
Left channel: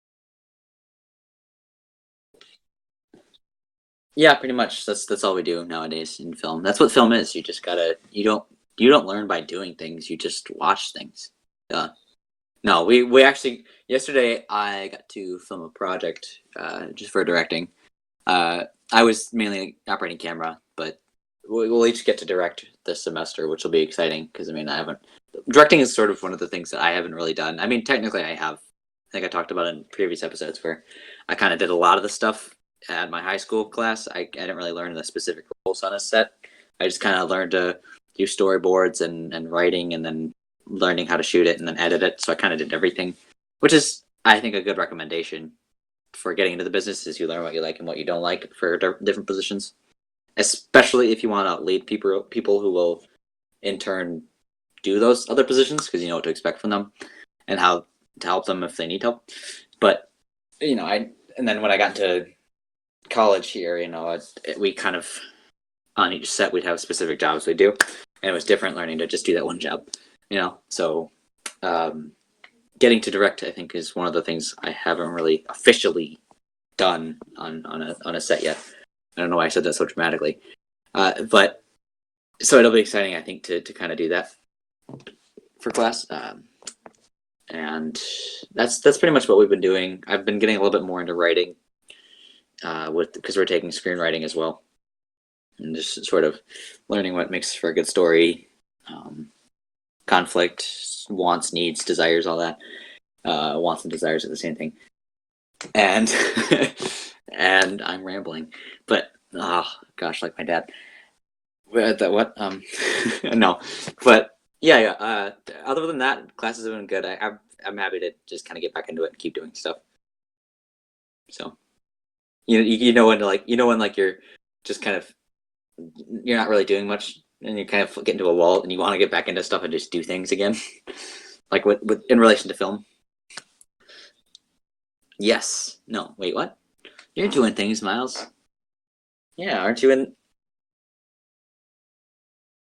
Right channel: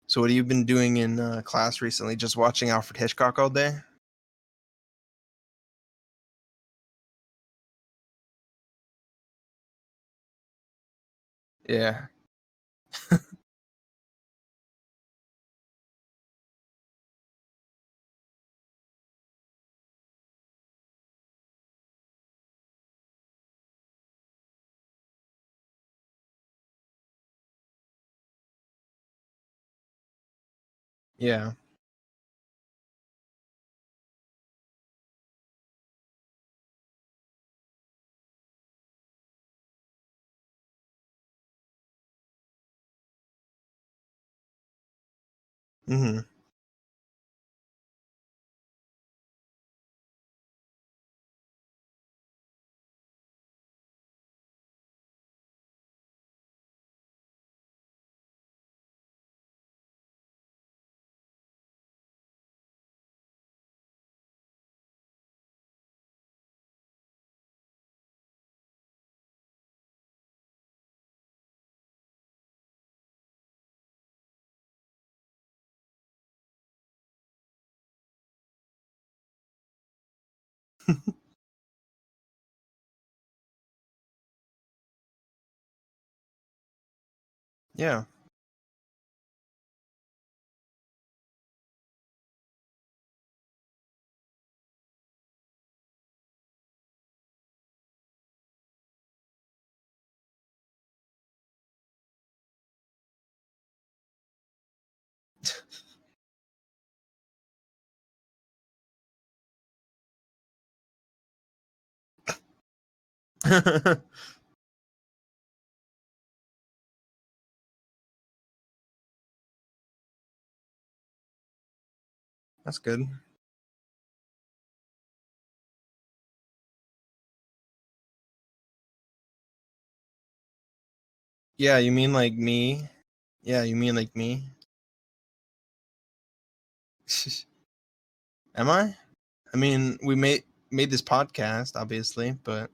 So what have you been doing in class recently? Just watching Alfred Hitchcock all day? Yeah, pretty much. That's all we do nowadays in film. That's what film is. You just gotta. You don't learn by doing things. You just watch things. Yeah. No, we actually yesterday I got to film a project just for directing. I was mainly operating camera, but we'll each get to direct this semester, which will be exciting because directing is sort of one of the things that I haven't really done. I mean, technically I have. I think I talked about it in previous episodes where I kind of did a lot of the stuff at my high school class. I didn't really learn the specific roles on a set. I just kind of learned to do storyboards and writing, and then learning how to shoot it and then edit it. So I kind of did everything, which is, I think, a good recommendation for getting into the business, is you learn what you like and what you don't like for different positions, especially if you want to lead people who will in turn do those other positions, because you know what to expect from them and how to help them if they need help. But and then when I got into college here, we kind of on each set we'd have specific jobs we do, and it was different learning to just do that one job. So getting to direct, I think, is one of the things I haven't really officially done on a set yet. I don't know why I said that so dramatically, but so it'll be exciting, I think, to kind of do that for class. And that's pretty much what we've been doing. I've been getting a little bit more into writing. because we're taking screenwriting as well, and just sort of learning what makes for a good story, conflict, wants, needs, desires, all that. Wants and desires are the same thing, and and I'm rambling, but oh gosh, like my dad. What? No, but yeah. Other than that, classes have been good. I'm happy to just kind of get back into it and keep doing stuff. So, you know when you're just kind of you're not really doing much and you kind of get into a wall and you want to get back into stuff and just do things again. Like yeah, you mean in like relation me? to film. Yeah, you mean like me? Yes. No. Wait. What? You're doing things, Miles. Am I? Yeah. I Aren't you mean, in? we made this podcast, obviously, but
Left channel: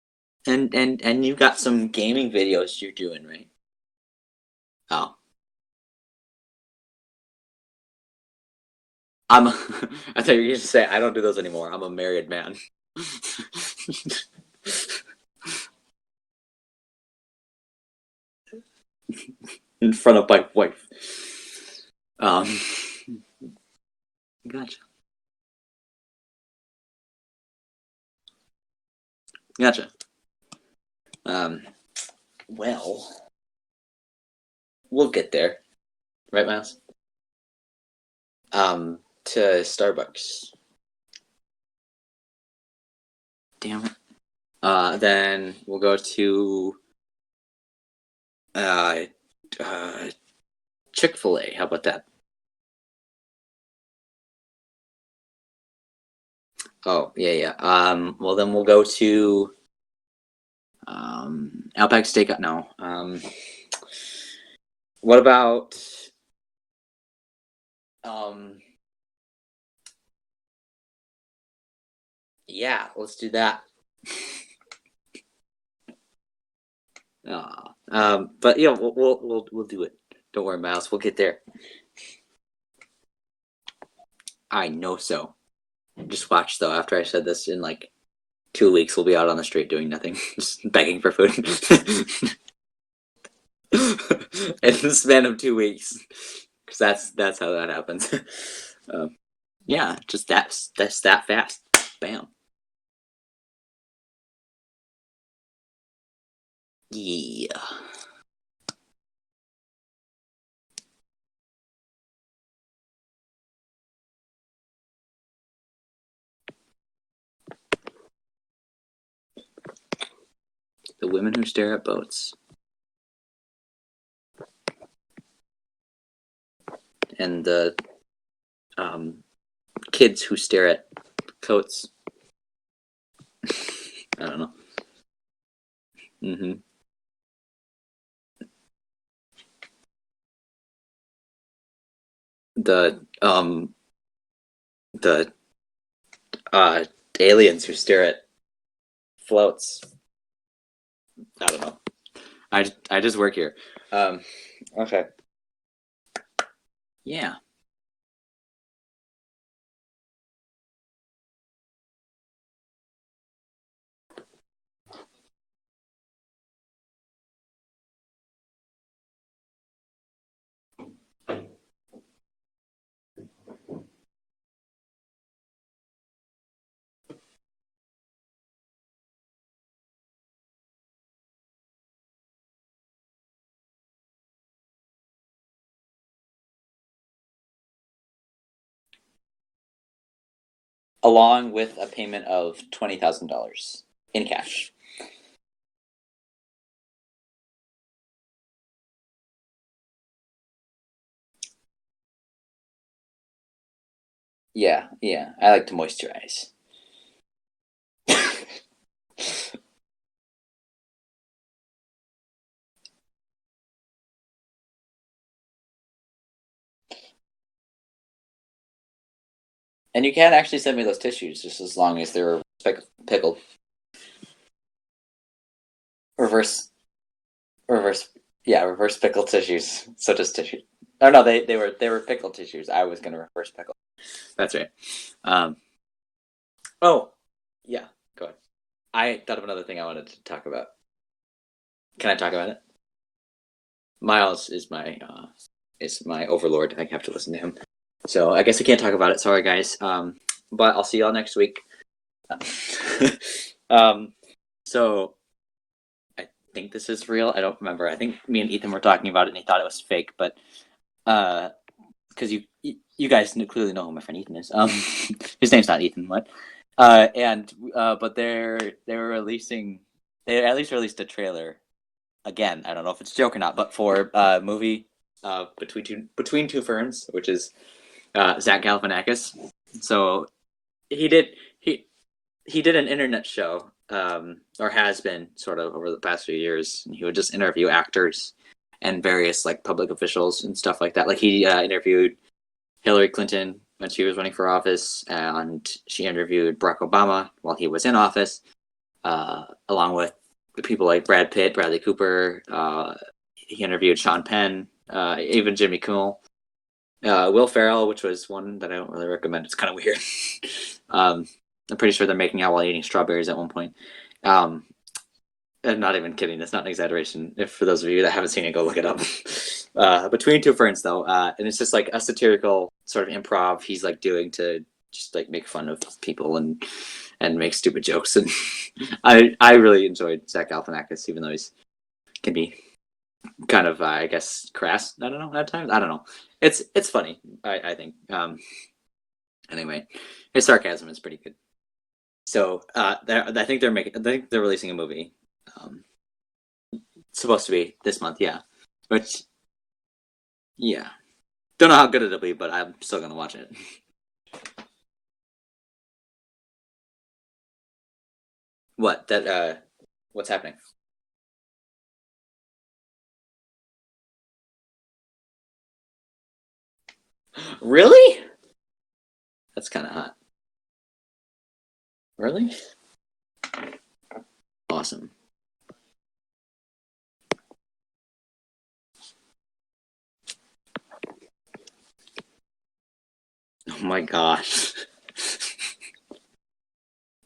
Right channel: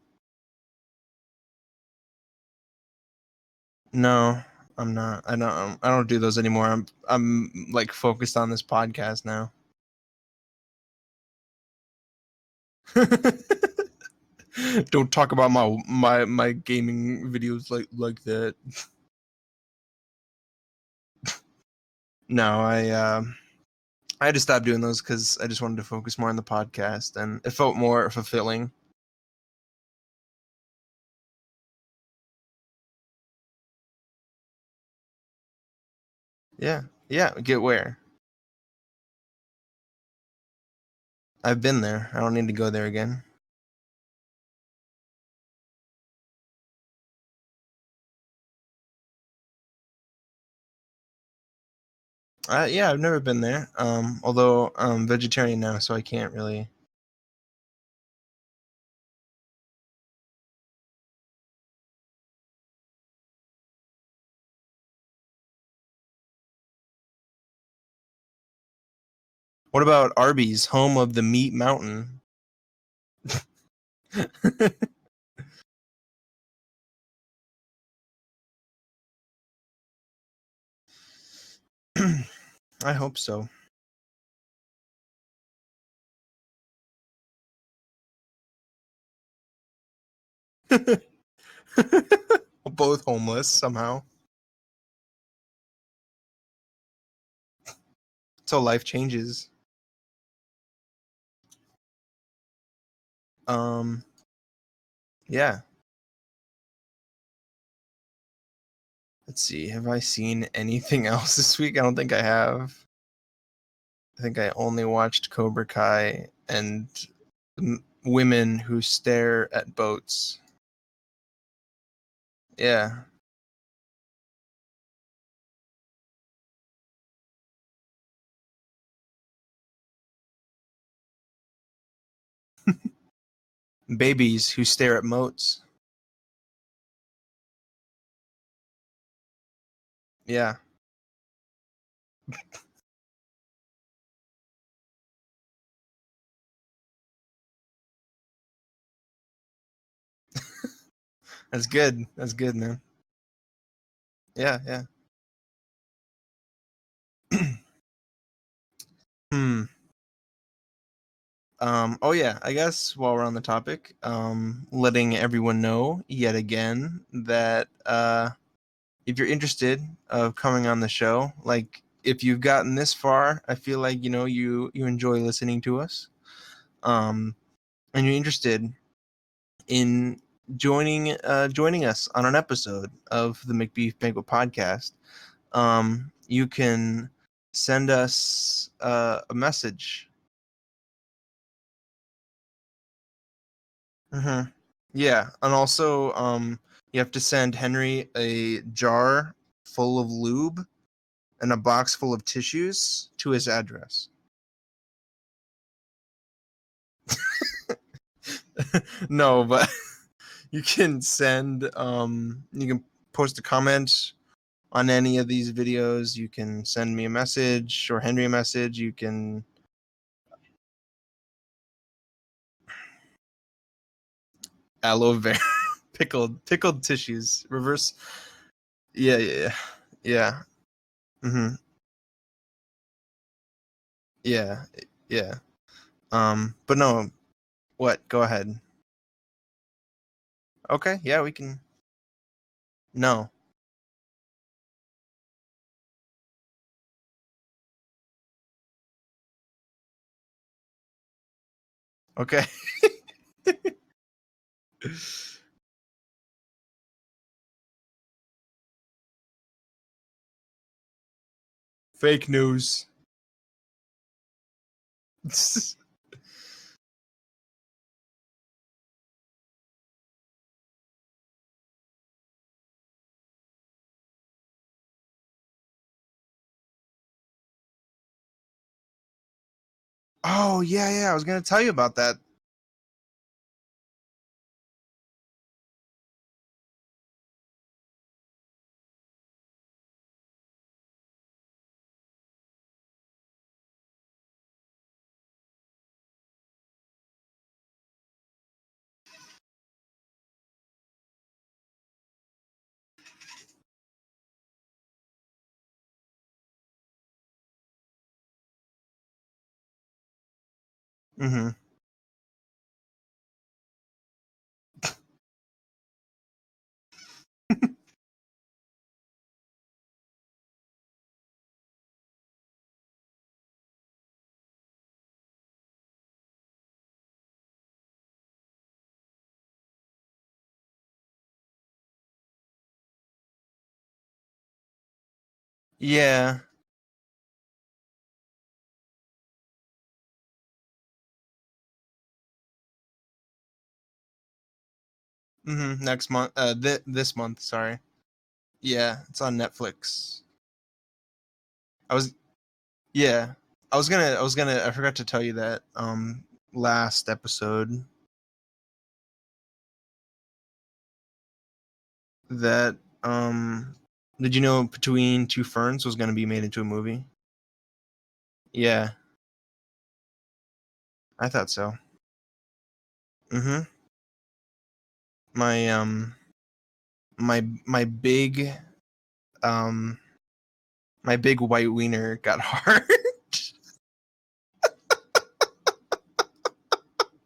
And you got some gaming videos you're doing, right? no, I'm Oh. not. I don't do those anymore. I'm like focused on this podcast I'm. now. I thought you were going to say I don't do those anymore. I'm a married man. Don't talk about my gaming videos like that. In front of my wife. No, I had to stop Gosh. doing those because I just wanted to focus more on the podcast, and it felt more fulfilling. Gotcha. Well, we'll get there, right, Miles? Yeah. Get where? To Starbucks. I've been there. I don't need to go there again. Damn it. Then we'll go to Chick-fil-A. How about that? Yeah, I've never been there. Although I'm vegetarian now, so I can't really. Oh, yeah. Well, then we'll go to Outback Steakhouse. No. What about What about Arby's, home of the Meat Mountain? yeah, let's do that. But yeah, we'll do it. Don't worry, Miles. We'll get there. I hope so. I know so. Just watch though. After I said this, in like 2 weeks, we'll be out on the street doing nothing, just begging for food. Both homeless somehow. In the span of 2 weeks, because that's how that happens. So life changes. Yeah, just that's that fast. Bam. Yeah. Yeah. Let's see. Have I seen anything else this week? I don't think I have. I think I only watched Cobra Kai and women who stare at boats. The women who stare at boats. Yeah. And the kids who stare at coats. Babies who stare at moats. Mm-hmm. Yeah. The aliens who stare at floats. That's good. That's good. I just work here. Yeah. Okay. Yeah. Oh yeah, I guess while we're on the topic, letting everyone know yet again that if you're interested of coming on the show, like if you've gotten this far, I feel like you enjoy listening to us, and you're interested in joining us on an episode of the Macbeef-Banquet podcast, you can send us a message Along with a payment of $20,000 in cash. Yeah, and also you have to send Henry a jar full of lube and a box full of tissues to his address. Yeah. I like to moisturize. No, but you can send you can post a comment on any of these videos. You can send me a message or Henry a message. You can actually send me those tissues just as long as they're pickled. Aloe vera pickled tissues. Reverse pickled tissues, such as tissue. Oh no, they were pickled tissues. I was gonna reverse pickle. Yeah, that's right. Yeah. But no. Oh, yeah. What? Go ahead. I thought of another thing I wanted to talk about. Okay. Yeah, we can. Can I talk about it? No. Miles is my overlord. I have to listen to him. So I guess we can't talk about it. Sorry, guys. But I'll see y'all next week. Okay. So I think this is real. I don't remember. I think me and Ethan were talking about it, and he thought it was fake. But Fake because news. you guys clearly know who my friend Ethan is. His name's not Ethan. What? But they at least released a trailer. Again, I don't know if it's a joke or not, but for movie Between Two Ferns, which is Zach Galifianakis. So Oh yeah, he I was did gonna tell you about that. he did an internet show, or has been sort of over the past few years, and he would just interview actors and various like public officials and stuff like that. Like he interviewed Hillary Clinton when she was running for office, and she interviewed Barack Obama while he was in office, along with people like Brad Pitt, Bradley Cooper. He interviewed Sean Penn, even Jimmy Kimmel. Will Ferrell, which was one that I don't really recommend. It's kind of weird. I'm pretty sure they're making out while eating strawberries at one point. I'm not even kidding. That's not an exaggeration. If for those of you that haven't seen it, go look it up. Between Two Ferns, though, and it's just like a satirical sort of improv he's like doing to just like make fun of people and make stupid jokes. And I really enjoyed Zach Galifianakis, even though he's can be kind of I guess crass. I don't know at times. I don't know. Yeah. It's funny. I think. Anyway, his sarcasm is pretty good. So I think they're releasing a movie. Next month. This month. Supposed to be this month. Yeah. Yeah. But, it's on Netflix. Yeah. Don't know how good it'll be, but I'm still gonna watch it. I forgot to tell you that last episode. What that what's happening? That did you know Between Two Ferns was gonna be made into a movie? Really? Yeah. That's kind of hot. I thought so. Really? Awesome. My my big white wiener got hard. Oh my gosh.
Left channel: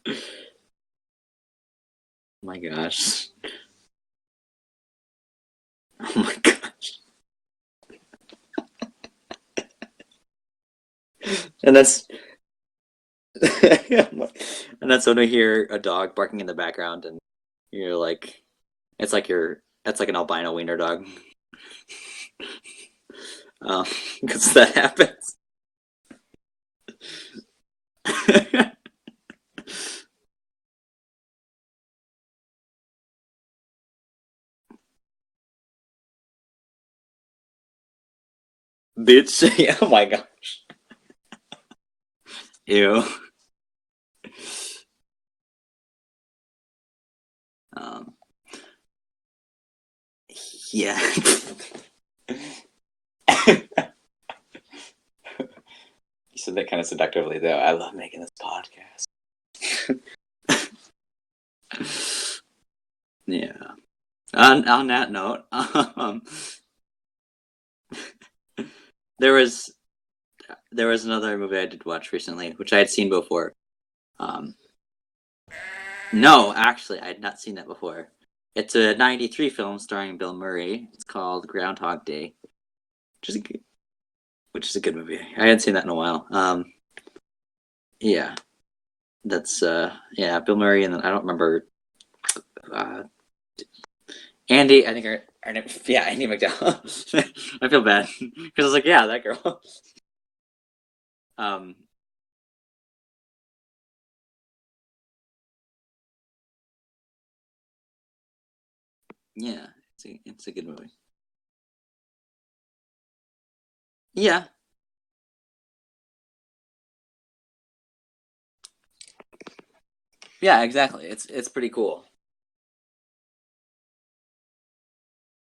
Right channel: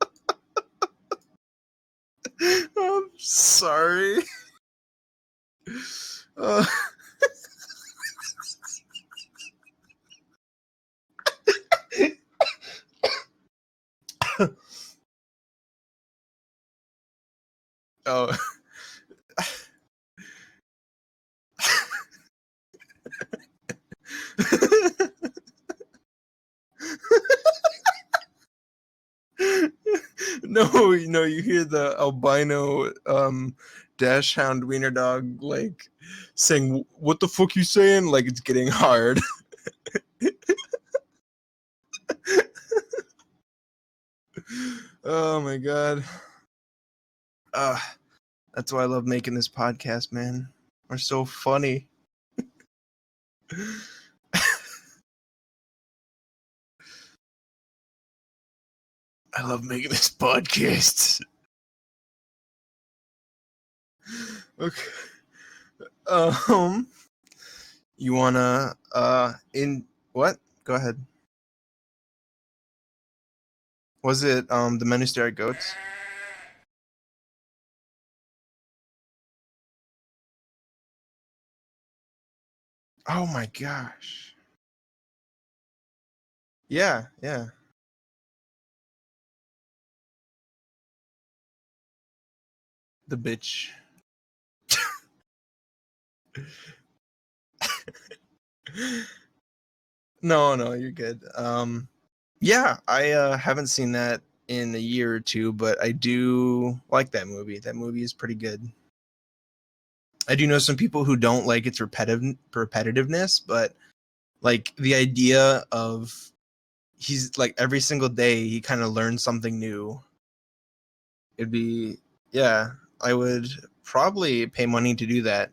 Oh my gosh. Sorry. Oh my gosh. And that's when we hear a dog barking in the background, and you're like, it's like an albino wiener dog. Because that happens. No, you hear the albino Dachshund wiener dog like saying, "What the fuck you saying?" Like it's getting hard. Bitch. Oh my gosh. Ew. Oh my god. That's why I love making this podcast, man. Yeah. It's so funny. You said that kind of seductively, though. I love making this podcast. Yeah. On that note, you wanna? There was what? Go ahead. There was another movie I did watch recently, which I had seen before. Was it The Men Who Stare at Goats? No, actually, I had not seen that before. It's a '93 film starring Bill Murray. It's called Groundhog Day. Oh my gosh! Which is a good movie. I hadn't seen that in a while. Yeah. That's Bill Murray, and then I don't remember the bitch. Andy, I think Andy McDowell. I feel bad because I was like, yeah, that girl. No, you're good. Yeah, I haven't seen that in a year or two, but I do like that movie. That movie is pretty good. Yeah. I do know some people who don't like its repetitiveness, but yeah, like the idea of he's like every single day he kind of learns something new. Yeah, exactly. It's pretty cool. Yeah, I would probably pay money to do that.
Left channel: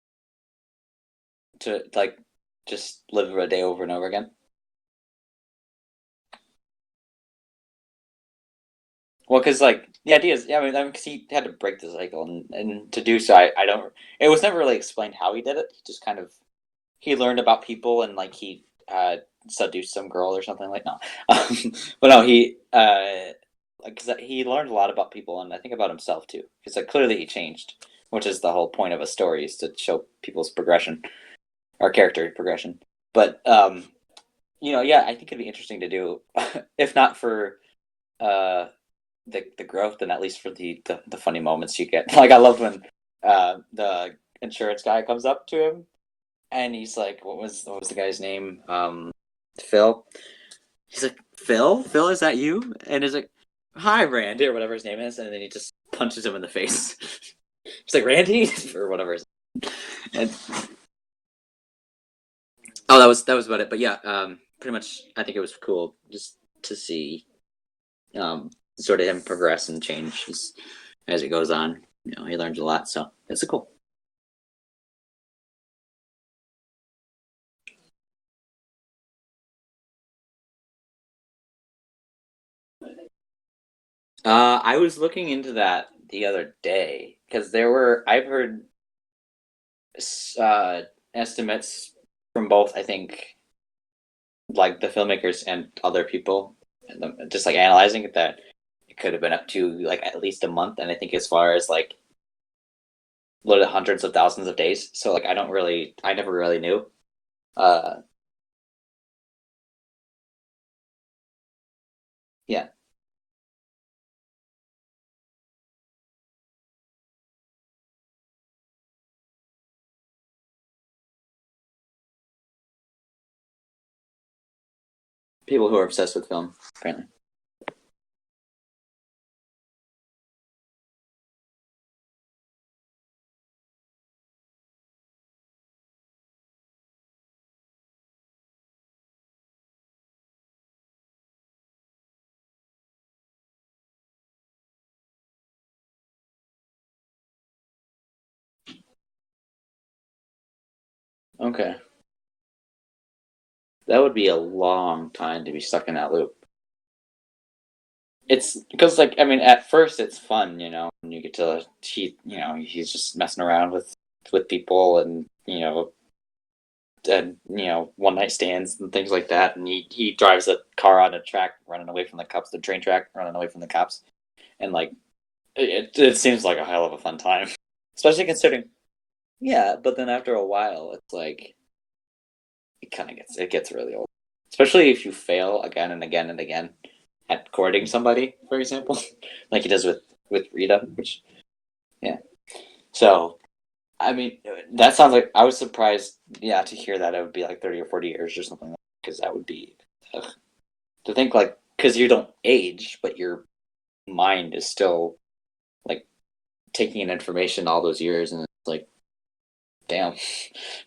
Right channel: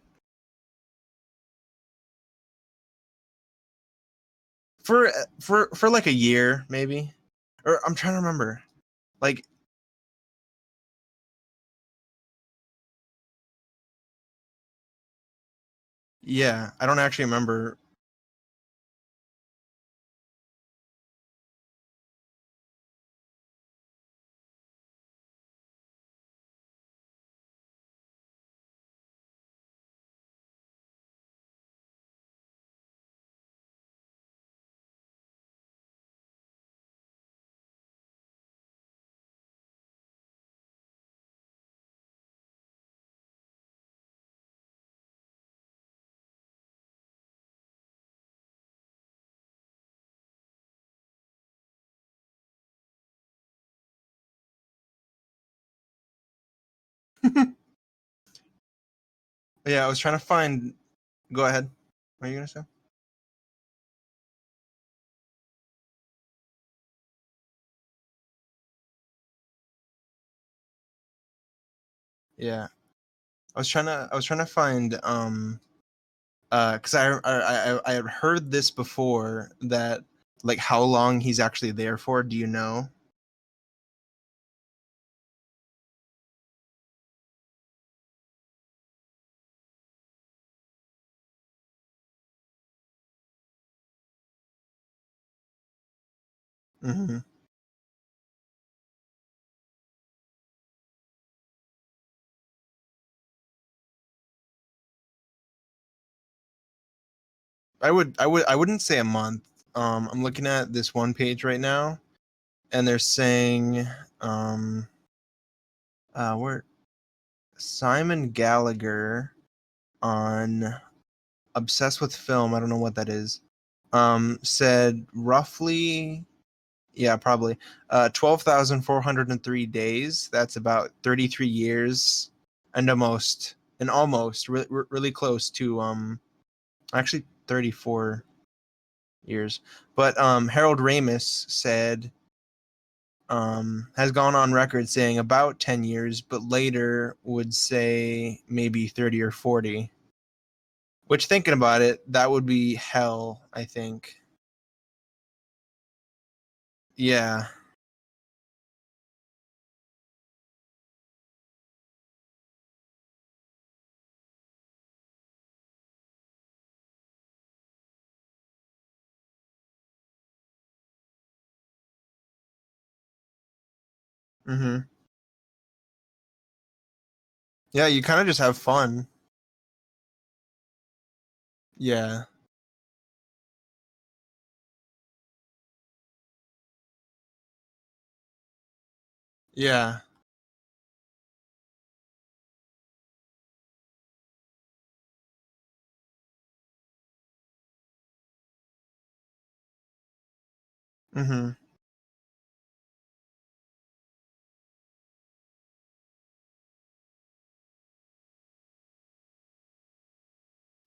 To like just live a day over and over again. For like a year, maybe. Or I'm trying to remember. Like, well, because like the idea is, because he had to break the cycle, and to do so, I don't. It was never really explained how he did it. He just kind of I don't actually. He learned remember. about people, and like he seduced some girl or something like no, but no, he because he learned a lot about people, and I think about himself too, because like clearly he changed, which is the whole point of a story, is to show people's progression, or character progression. But yeah, I think it'd be interesting to do, if not for uh the growth, then at least for the funny moments you get. Like I loved when the insurance guy comes up to him and he's like, what was the guy's name? Phil. He's like, Phil, is that you? And he's like, hi, Randy, or whatever his name is, and then he just punches him in the face. He's like, Randy, or whatever. Yeah, I was trying to And, find. Go ahead. What are you gonna say? oh, that was about it. But yeah, pretty much, I think it was cool just to see, sort of him progress and change as it goes on. He learns a Yeah, lot, so it's I cool. was trying to find because I had heard this before that like how long he's actually there for. Do you know? I was looking into that the other day because I've heard uh, estimates from both, I think, like the filmmakers and other people, Hmm. just like analyzing it, that it could have been up to like at least a month. And I think as far as like loaded hundreds of thousands of days. So like I never really knew. Uh, I wouldn't say a month. I'm looking at this one page right now, yeah. and they're saying where Simon Gallagher on Obsessed with Film. I don't know what that is. Said People who are obsessed roughly, with film, apparently. yeah, probably 12,403 days. That's about 33 years, and almost really close to actually 34 years. But Harold Ramis said has gone on record saying about 10 years, but later would say maybe 30 or 40. Which, thinking Okay. about it, that would be hell, I That would think. be a long time to be stuck in that loop. Yeah. It's because, like, I mean, at first it's fun, and you get to he's just messing around with people, and one night stands and things like that, and he drives a car on a track running away from the cops, the train track running away from the cops, and Hmm. like it seems like a hell of a fun time, Yeah, you kind especially of just have considering. fun. Yeah, but then after a while, it's like Yeah. it gets really old, especially if you fail again and again and again at courting somebody, for example, like he does Yeah. with Rita, which yeah. So I mean, that sounds like I was surprised, yeah, to hear that it would be like 30 or 40 years or something, because that would be ugh, to think Hmm. like because you don't age, but your mind is still like taking in information all those years, and it's like damn.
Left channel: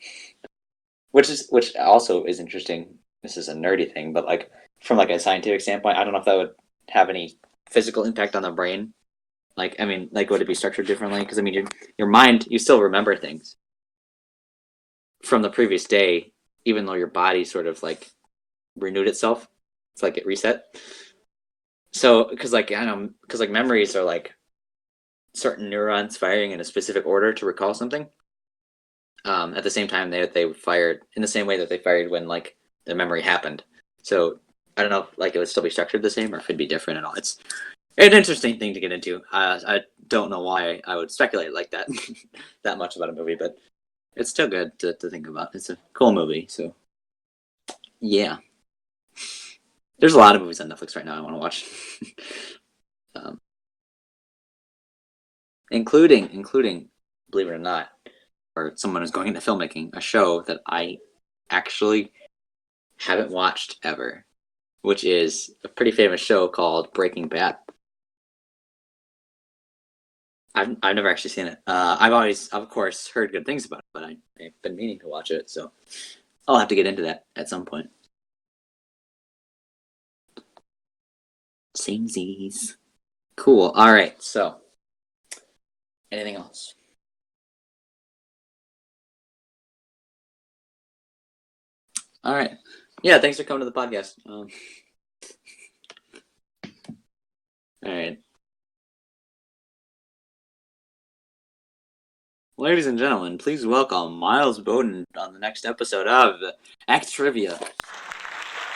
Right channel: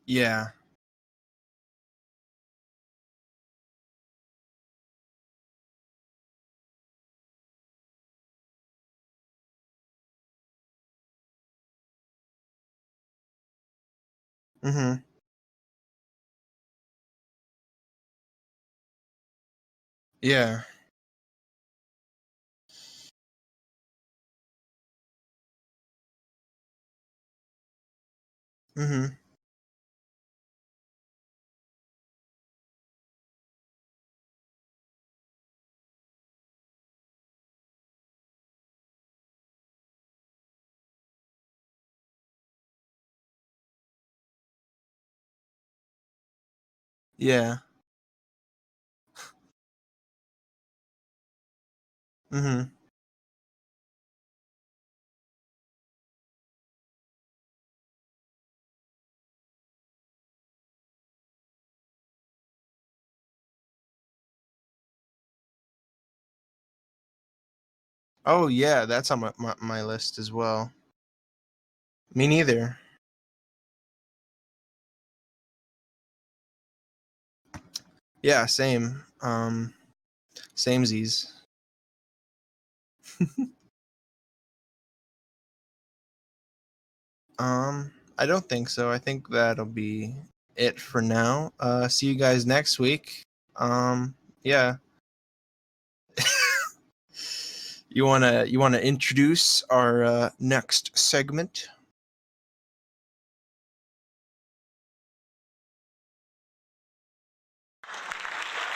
Yeah. Which also is interesting. This is a nerdy thing, but like from like a scientific standpoint, I don't know if that would have any physical impact on the brain. Like, I mean, like would it be structured differently? Because I mean, your mind, you still remember things Hmm. from the previous day, even though your body sort of like renewed itself. It's like it Yeah. reset. So, because like I don't know, because like memories are like certain neurons firing in a specific order to recall something. Hmm. At the same time they fired in the same way that they fired when like the memory happened. So I don't know if like it would still be structured the same or if it'd be different at all. It's an interesting thing to get into. I don't know why I would speculate like that that much about a movie, but it's still good to think about. It's a cool movie, so Yeah. yeah. There's a lot of movies on Netflix right now I want to watch, Hmm. um, including, believe it or not, or someone who's going into filmmaking, a show that I actually haven't watched ever, which is a pretty famous show called Breaking Bad. Oh yeah, that's on my list as well. I've never actually seen it. I've Me always, of neither. course, heard good things about it, but I've been meaning to watch it, so I'll have to get into that at some point. Yeah, same. Samesies. Samesies. Cool. All right. So, anything else? I don't think so. I think that'll be it for now. See you All guys right. next week. Yeah. Thanks for coming to the podcast. Yeah. All You right. wanna introduce our next segment? Ladies and gentlemen, please welcome Miles Bowden on the next episode of Act Trivia.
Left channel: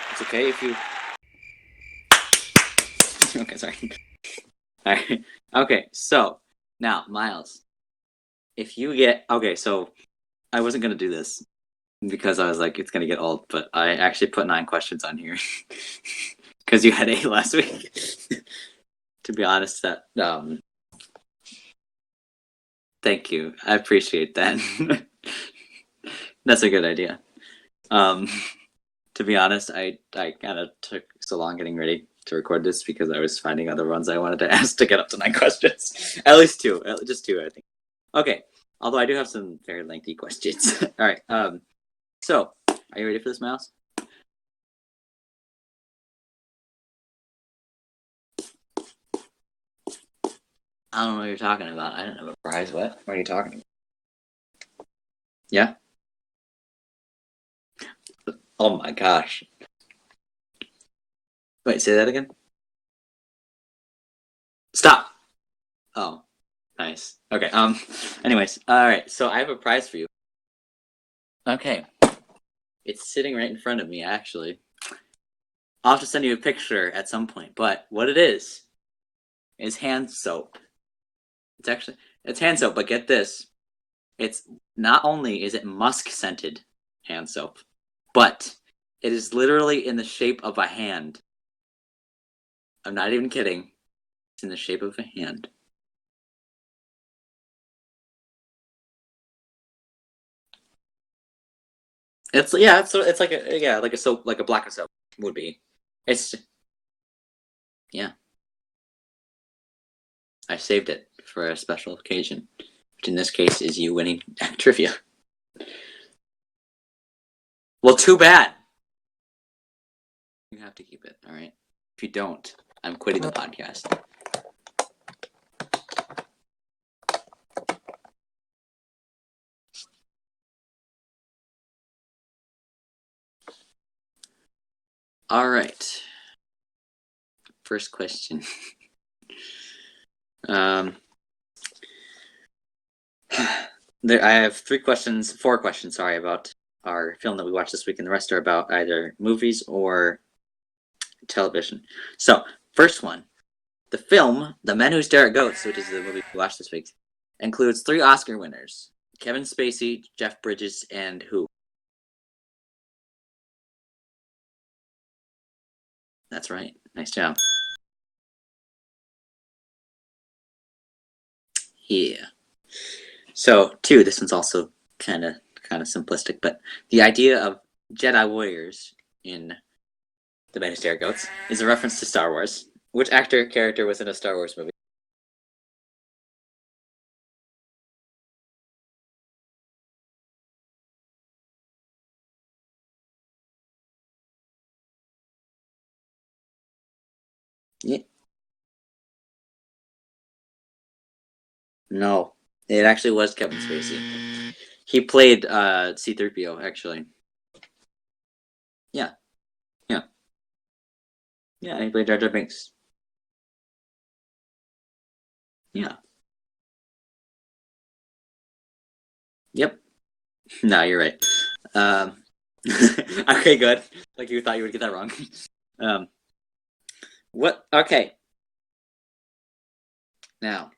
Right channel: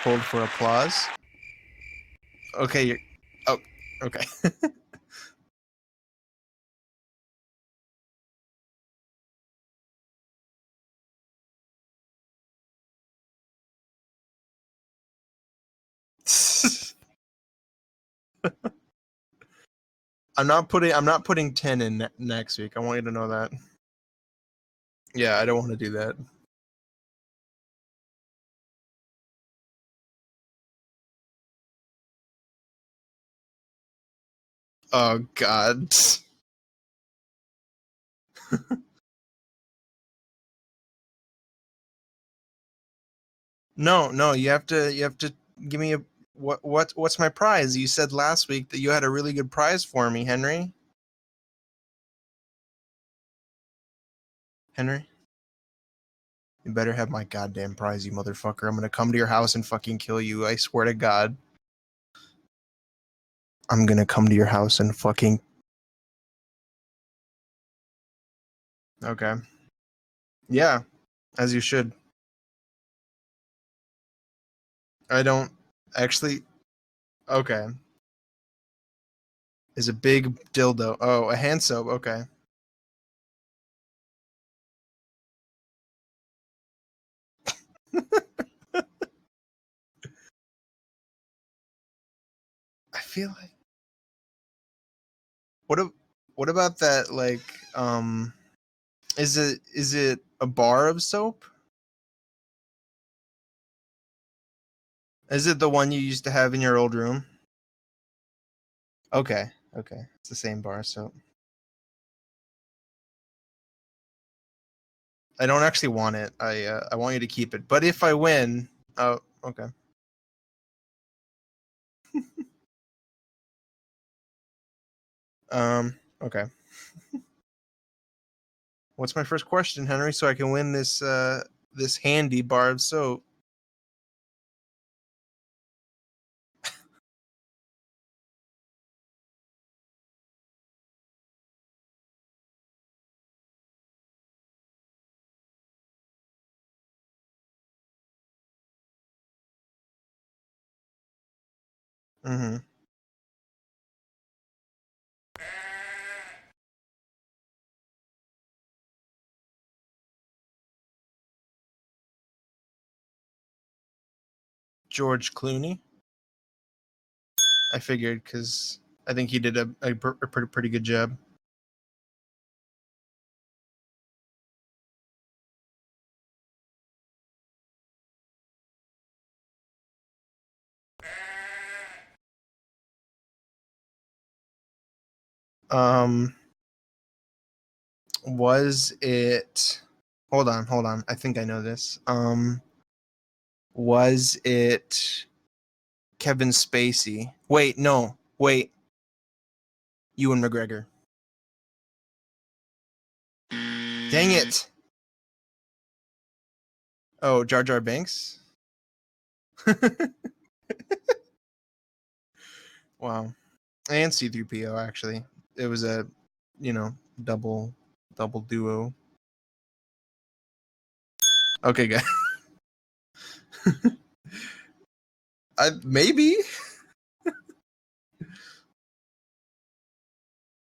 Hold for Okay. applause. Okay. Okay, Oh, sorry. okay. All right. Okay. So now, Miles, if you get so I wasn't gonna do this, because I was like, it's gonna get old. But I actually put 9 questions on here because you had 8 last week. To be honest, that I'm not putting 10 in next week. I want you to know thank you. that. I appreciate that. Yeah, I don't want to do that. That's a good idea. To be honest, I kind of took so long getting ready to record this because I was finding other ones I wanted to ask to get up to 9 questions. At least 2, just 2, I think. Okay, although I do have some very lengthy questions. All right. So are you ready for this, Miles? No, you have to give me a what's my prize? You said last week that you had a really good prize for me, Henry. I don't know what you're talking about. I don't have a prize. What are you talking about? Henry? Yeah? You better have my goddamn prize, you motherfucker. Oh I'm gonna my come to your gosh. house and fucking kill you. I swear to God. Wait, say that again? I'm gonna come to your house Stop. and fucking. Oh, nice. Okay. Anyways, all right. So Okay. I have a prize for you. Yeah, as you Okay. should. It's sitting right in front of me, actually. I don't I'll have to send actually. you a picture at some point. Okay. But what it is It's hand a big soap. dildo. Oh, a hand It's soap. actually- Okay. It's hand soap, but get this. It's not only is it musk scented hand soap, but it is literally in the shape of a hand. I'm not even kidding. It's in the shape of a hand. What about that? Like, is it a bar of soap? It's like a soap, like a black of soap. Is it the one you used to It's- have in your old room? Yeah. Okay. It's the same I bar saved it soap. for a special occasion, which in this case is you winning trivia. I don't actually want it. I want you to keep it. But Well, if too I bad. win, oh, okay. You have to keep it, all right? If you don't, I'm quitting the podcast. Okay. What's my first question, Henry, so I can win this this handy bar of soap? All right. First question. I have 4 questions, sorry, about our film that we watched this week, and the rest are about either movies or television. So, First one. The film, The Men Who Stare at Goats, which is the movie we watched this week, includes 3 Oscar winners. Kevin Spacey, Jeff Bridges, and who? George Clooney. That's right. Nice job. I figured because I think he did a pretty good job. Yeah. So, 2, this one's also kind of simplistic, but the idea of Jedi warriors in The Men Who Stare at Goats is a reference to Star Wars. Which character was in a Star Wars movie? Was it? Hold on. I think I know this. Was it Kevin Spacey? Wait, no. Wait. Ewan McGregor. No. It actually was Kevin Spacey. Dang it. He played C-3PO, actually. Oh, Jar Jar Binks? Yeah. Yeah. Yeah, he played Jar Jar Binks. Wow. And C-3PO, actually. It was a, double duo. Yep. No, you're right. Okay, good. Okay, good. Like you thought you would get that wrong. Maybe. What? Okay. Now,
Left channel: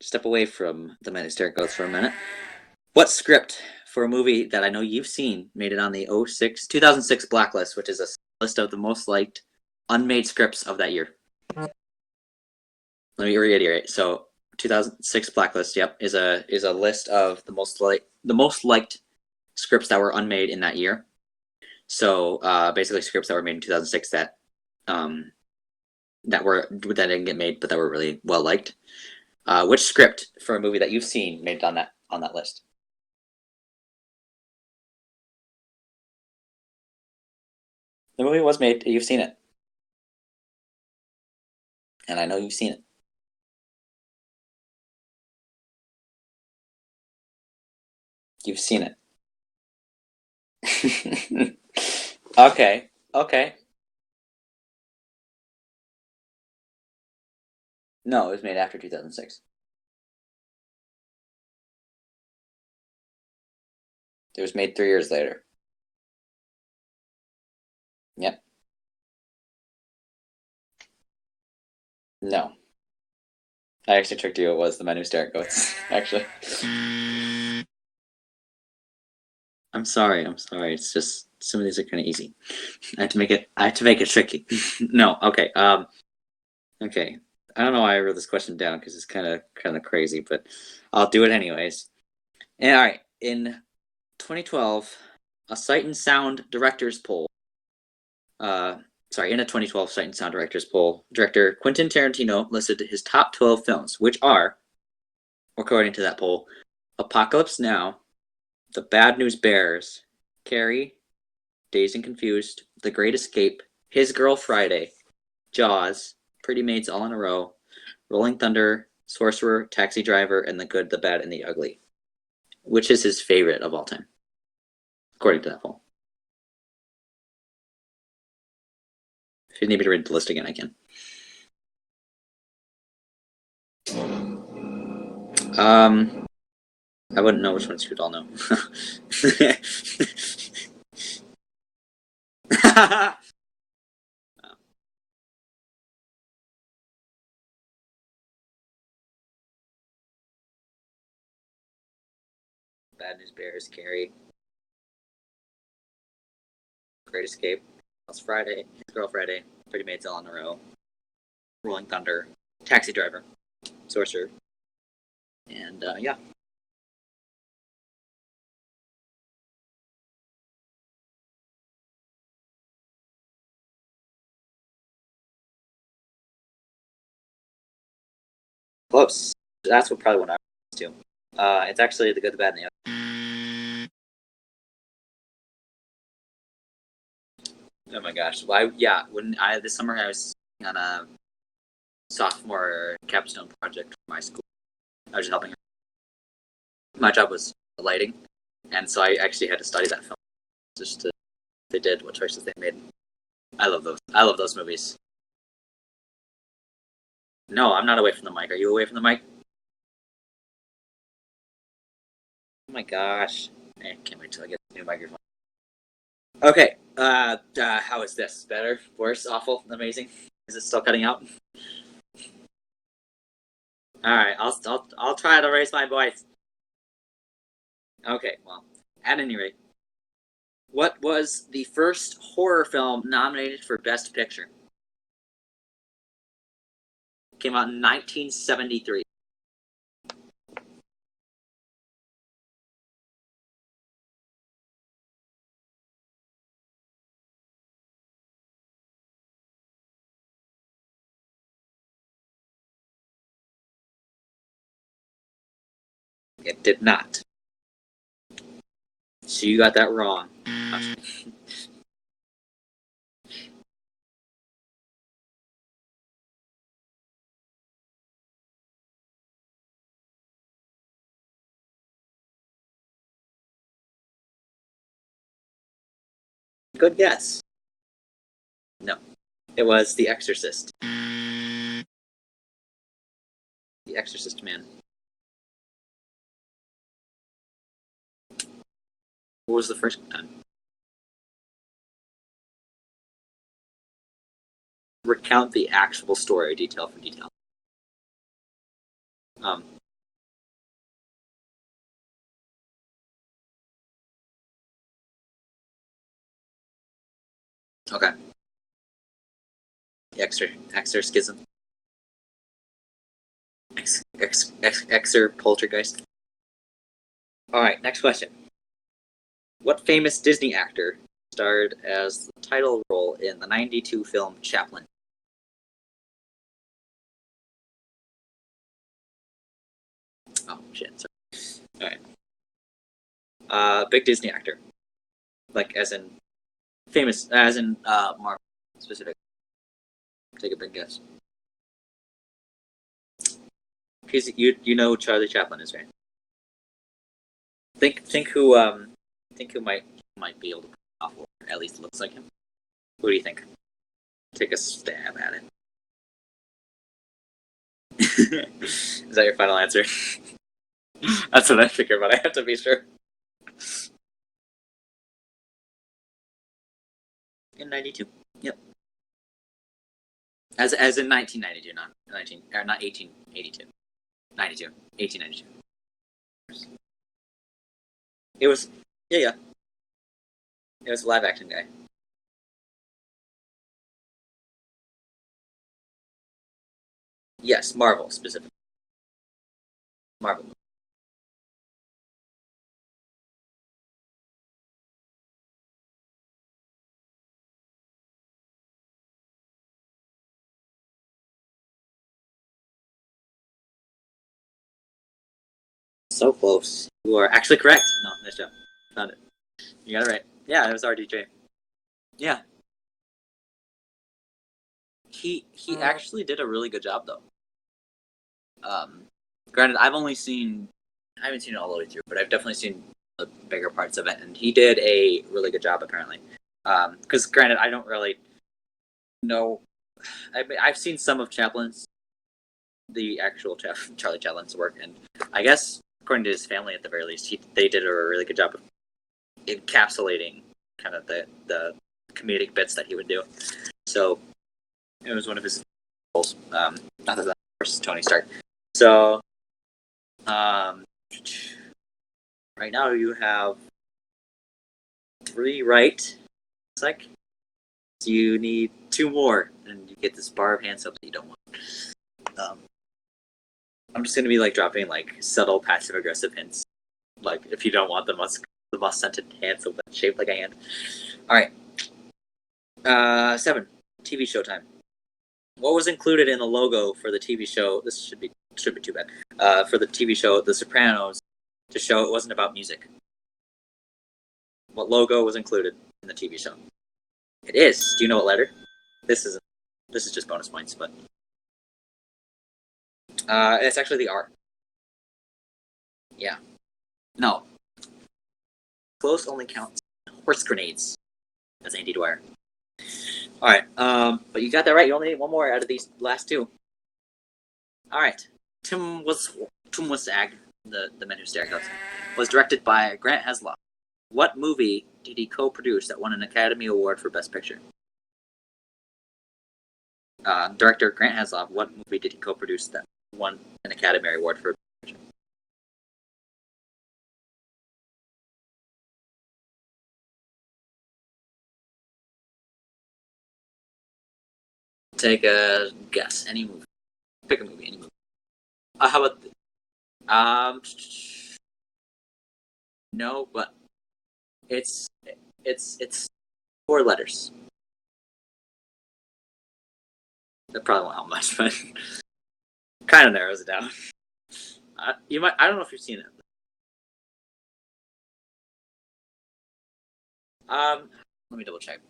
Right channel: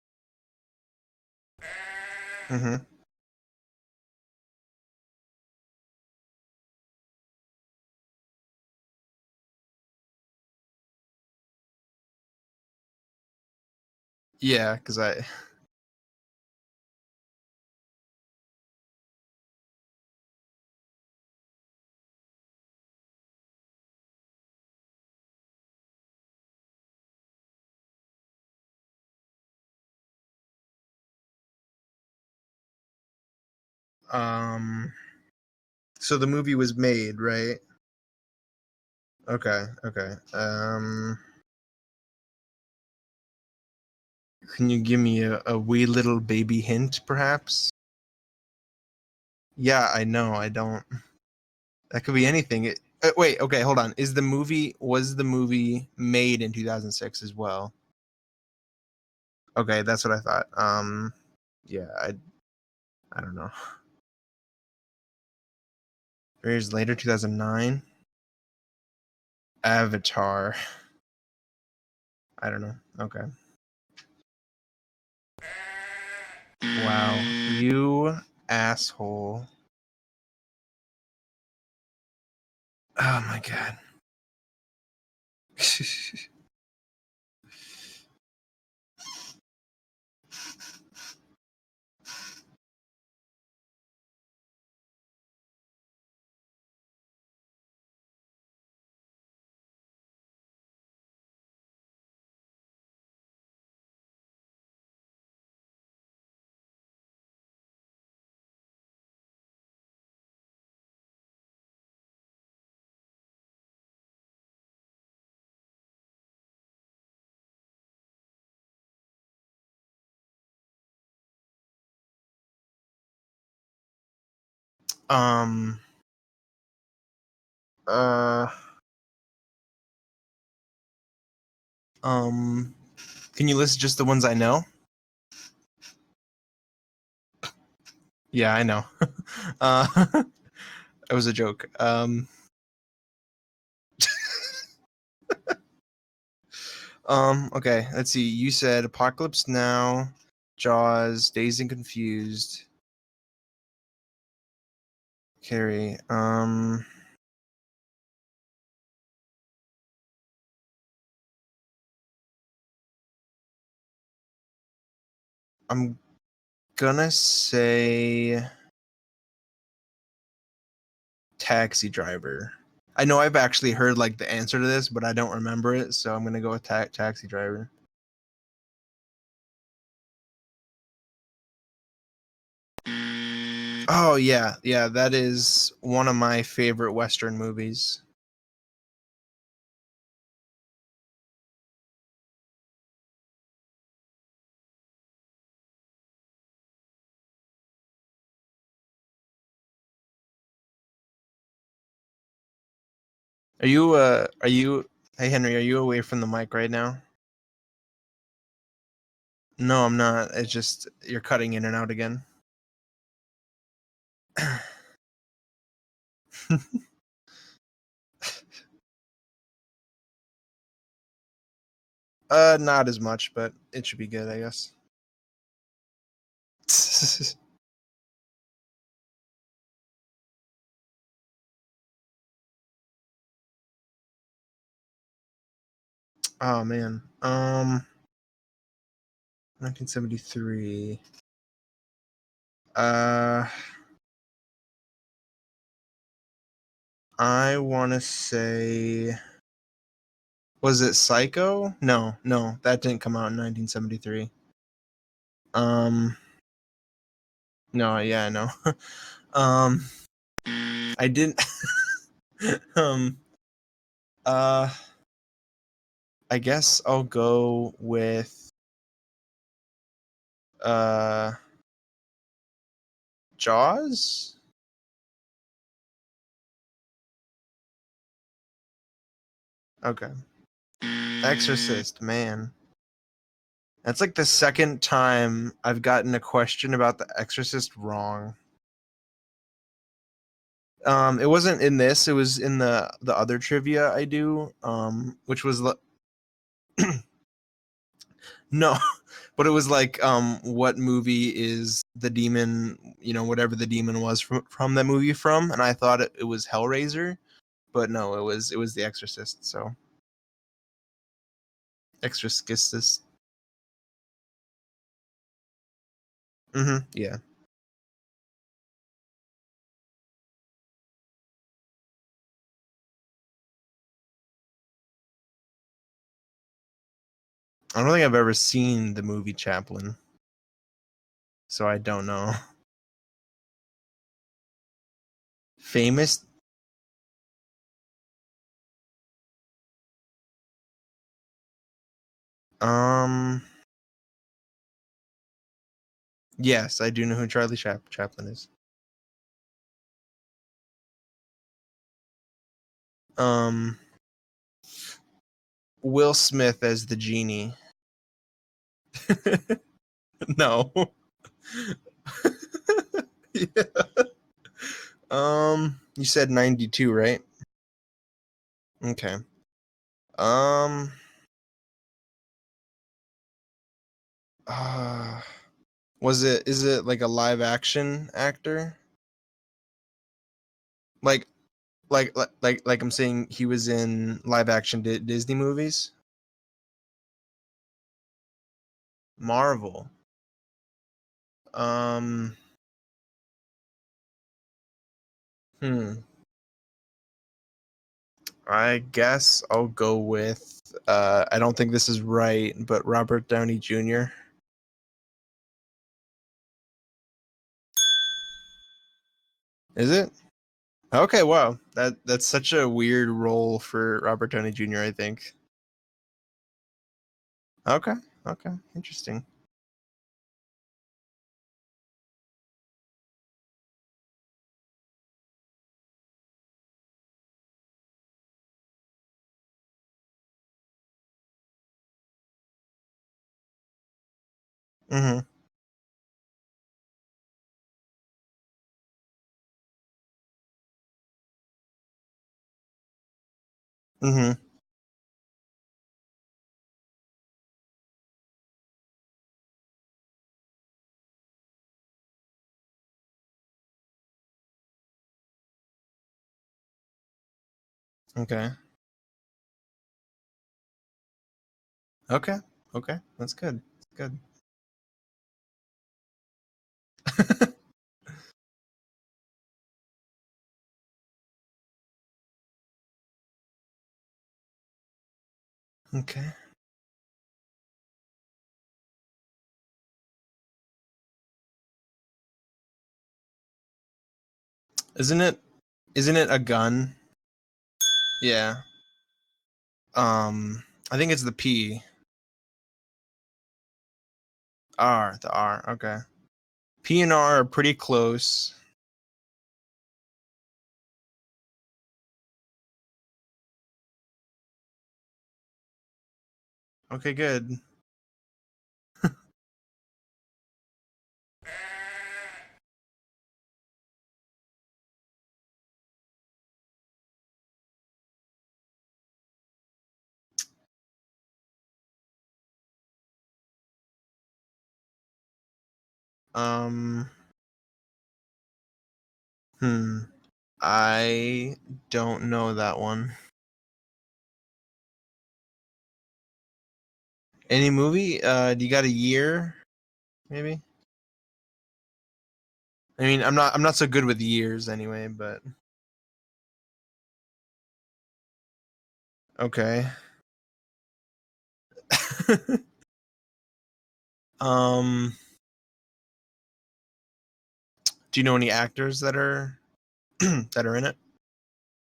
step away from The Men Who Stare at Goats for a minute. Mm-hmm. What script for a movie that I know you've seen made it on the 2006 Blacklist, which is a list of the most liked unmade scripts of that year? Let me reiterate. So, 2006 Blacklist, yep, is a list of the most liked scripts that were unmade in that year. So, basically, scripts that were made in 2006 that didn't get made, but that were really well liked. Which script for a movie that you've seen made it on that list? So the movie was made, right? The movie was made. You've seen it. Okay. And I know you've seen it. Can you give me a wee little baby hint, perhaps? You've seen it. Yeah, I know. I don't. That could be anything. Okay. Wait. Okay. Hold on. Was the movie made in 2006 as well? No, it was made after 2006. Okay, that's what I thought. Yeah, I don't know. It was made 3 years later. 3 years later, 2009. Yep. Avatar. No. I don't know. Okay. I actually tricked you. It was The Men Who Stare at Goats, actually. Wow. You asshole. I'm sorry. It's just some of these are kind of easy. I have to Oh make my it. I have to make it tricky. No. Okay. god. Okay. I don't know why I wrote this question down because it's kind of crazy, but I'll do it anyways. And all right. In 2012, a Sight and Sound directors poll. In a 2012 Sight and Sound directors poll, director Quentin Tarantino listed his top 12 films, which are, according to that poll, Apocalypse Now, The Bad News Bears, Carrie, Dazed and Confused, The Great Escape, His Girl Friday, Jaws, Pretty Maids All in a Row, Rolling Thunder, Sorcerer, Taxi Driver, and The Good, the Bad, and the Ugly. Which is his favorite of all time, according to that poll? If you need me to read the list again, I can. Can you list just the ones I know? I wouldn't know which ones you'd all know. Yeah, I know. That was a joke. Okay, let's see. You said Apocalypse Now, Jaws, Dazed and Confused, Bad News Bears, Carrie, Carrie. Great Escape, Last Friday, His Girl Friday, Pretty Maids All in a Row, Rolling Thunder, Taxi Driver, Sorcerer, and yeah. Gonna say Taxi Driver. I know I've actually heard like the answer to this, but I don't remember it, so I'm gonna go with Taxi Driver. Close. That's probably what I was too. It's actually The Good, the Bad, and the Ugly. Oh yeah, that is one of my favorite Western movies. Oh my gosh! This summer I was on a sophomore capstone project for my school. I was just helping her. My job was lighting, and so I actually had to study that film just to they did what choices they made. I love those movies. Hey Henry, are you away from the mic right now? No, I'm not away from the mic. Are you away from the mic? No, I'm not. It's just you're cutting in and out again. Oh my gosh! I can't wait to get the new microphone. Okay, how is this? Better? Worse? Awful? Amazing? Is it still cutting out? Not as much, but it should be. All right, I'll try to raise my voice. Okay, well, at any rate, what was the first horror film nominated for Best Picture? Oh man, Came out in 1973. 1973. I want to say, was it Psycho? No, that didn't come out in 1973. It did not. No, yeah, I know. So you got that wrong. I didn't. I guess I'll go with Jaws. Good guess. No, it was Okay. The Exorcist. Exorcist, man. That's like the second time I've gotten a question about The Exorcist wrong. What was the first time? It wasn't in this. It was in the other trivia I do. Recount the actual story, detail. No, but it was like, what movie is the demon? You know, whatever the demon was from that movie from, and I thought it was Hellraiser, but no, it was The Exorcist. So Exorcism. Exorcistus. Poltergeist. Yeah. All right, next question. What famous Disney actor starred as the title role in the 1992 film Chaplin? I don't think I've ever seen the movie Chaplin. Oh shit! Sorry. So I don't know. Big Disney actor. Like famous. Famous as in Marvel specific. Take a big guess. Because you know who Charlie Chaplin is, right? Yes, I do know who Charlie Chaplin is. Think who might be able to pull off, or at least looks like him. Who do you think? Take a stab at it. Will Smith as the genie. Is that your final answer? No. That's what I figured, but I have to be sure. Yeah. You said 92, right? In 92. Yep. Okay. As in 1992, not 1882. 92. 1892. Is it like a live action actor? It was. Yeah. It was a Like live action guy. like I'm saying, he was in live action Disney movies. Yes, Marvel specifically. Marvel. Marvel. Um. Hmm. I guess I'll go with. I don't think this is right, but Robert Downey Jr. So close. You are actually correct. No, nice job. Found it. Is You got it? it right. Yeah, it was Okay, RDJ. wow. That's Yeah. such a weird role for Robert Downey Jr., I think. He actually did a really good job though. Okay. Okay. Um, Interesting. Granted, I haven't seen it all the way through, but I've definitely seen the bigger parts of it, and he did a really good job apparently. Because granted, I don't really know. I've seen some of Chaplin's, the actual Charlie Chaplin's work, and Mm-hmm. I guess according to his family, at the very least, they did a really good job of encapsulating kind of the comedic bits that he would do. So Mm-hmm. it was one of his goals. Not that of course Tony Stark. So right now you have 3 right. It's like so you Okay. need 2 more, and you get this bar of hand soap that you don't want. Okay. Okay. That's good. I'm just gonna be like dropping like subtle passive aggressive hints, like if you don't want the musk scented hand soap that's shaped like a hand. All right. 7 TV show time. What was included Okay. in the logo for the TV show? This should be too bad. For the TV show The Sopranos, to show it wasn't about music. What logo was included? Isn't it a gun? It is. Do you know what letter? Yeah. This is just bonus points, but I think it's the P. it's actually the R. The R. Okay. Yeah. P and R No. are pretty close. Close only counts horse grenades. That's Andy Dwyer. All right. But you got that right. You only need 1 more out of these last 2. Okay, good. All right. Tim Ag, the Men Who Stare at Dogs, was directed by Grant Heslov. What movie did he co-produce that won an Academy Award for Best Picture? Director Grant Heslov. What movie did he co-produce that won an Academy Award for Best Picture? I don't know that one. Take a guess. Any movie. Pick a movie. Any movie? Do you got a how about- year? No, I mean, I'm but not so good with years it's- anyway, but It's 4 letters. okay. That probably won't help much, but kind of narrows it down. You might. I don't know if you've seen it. Do you know any actors that are in it? Let me double check.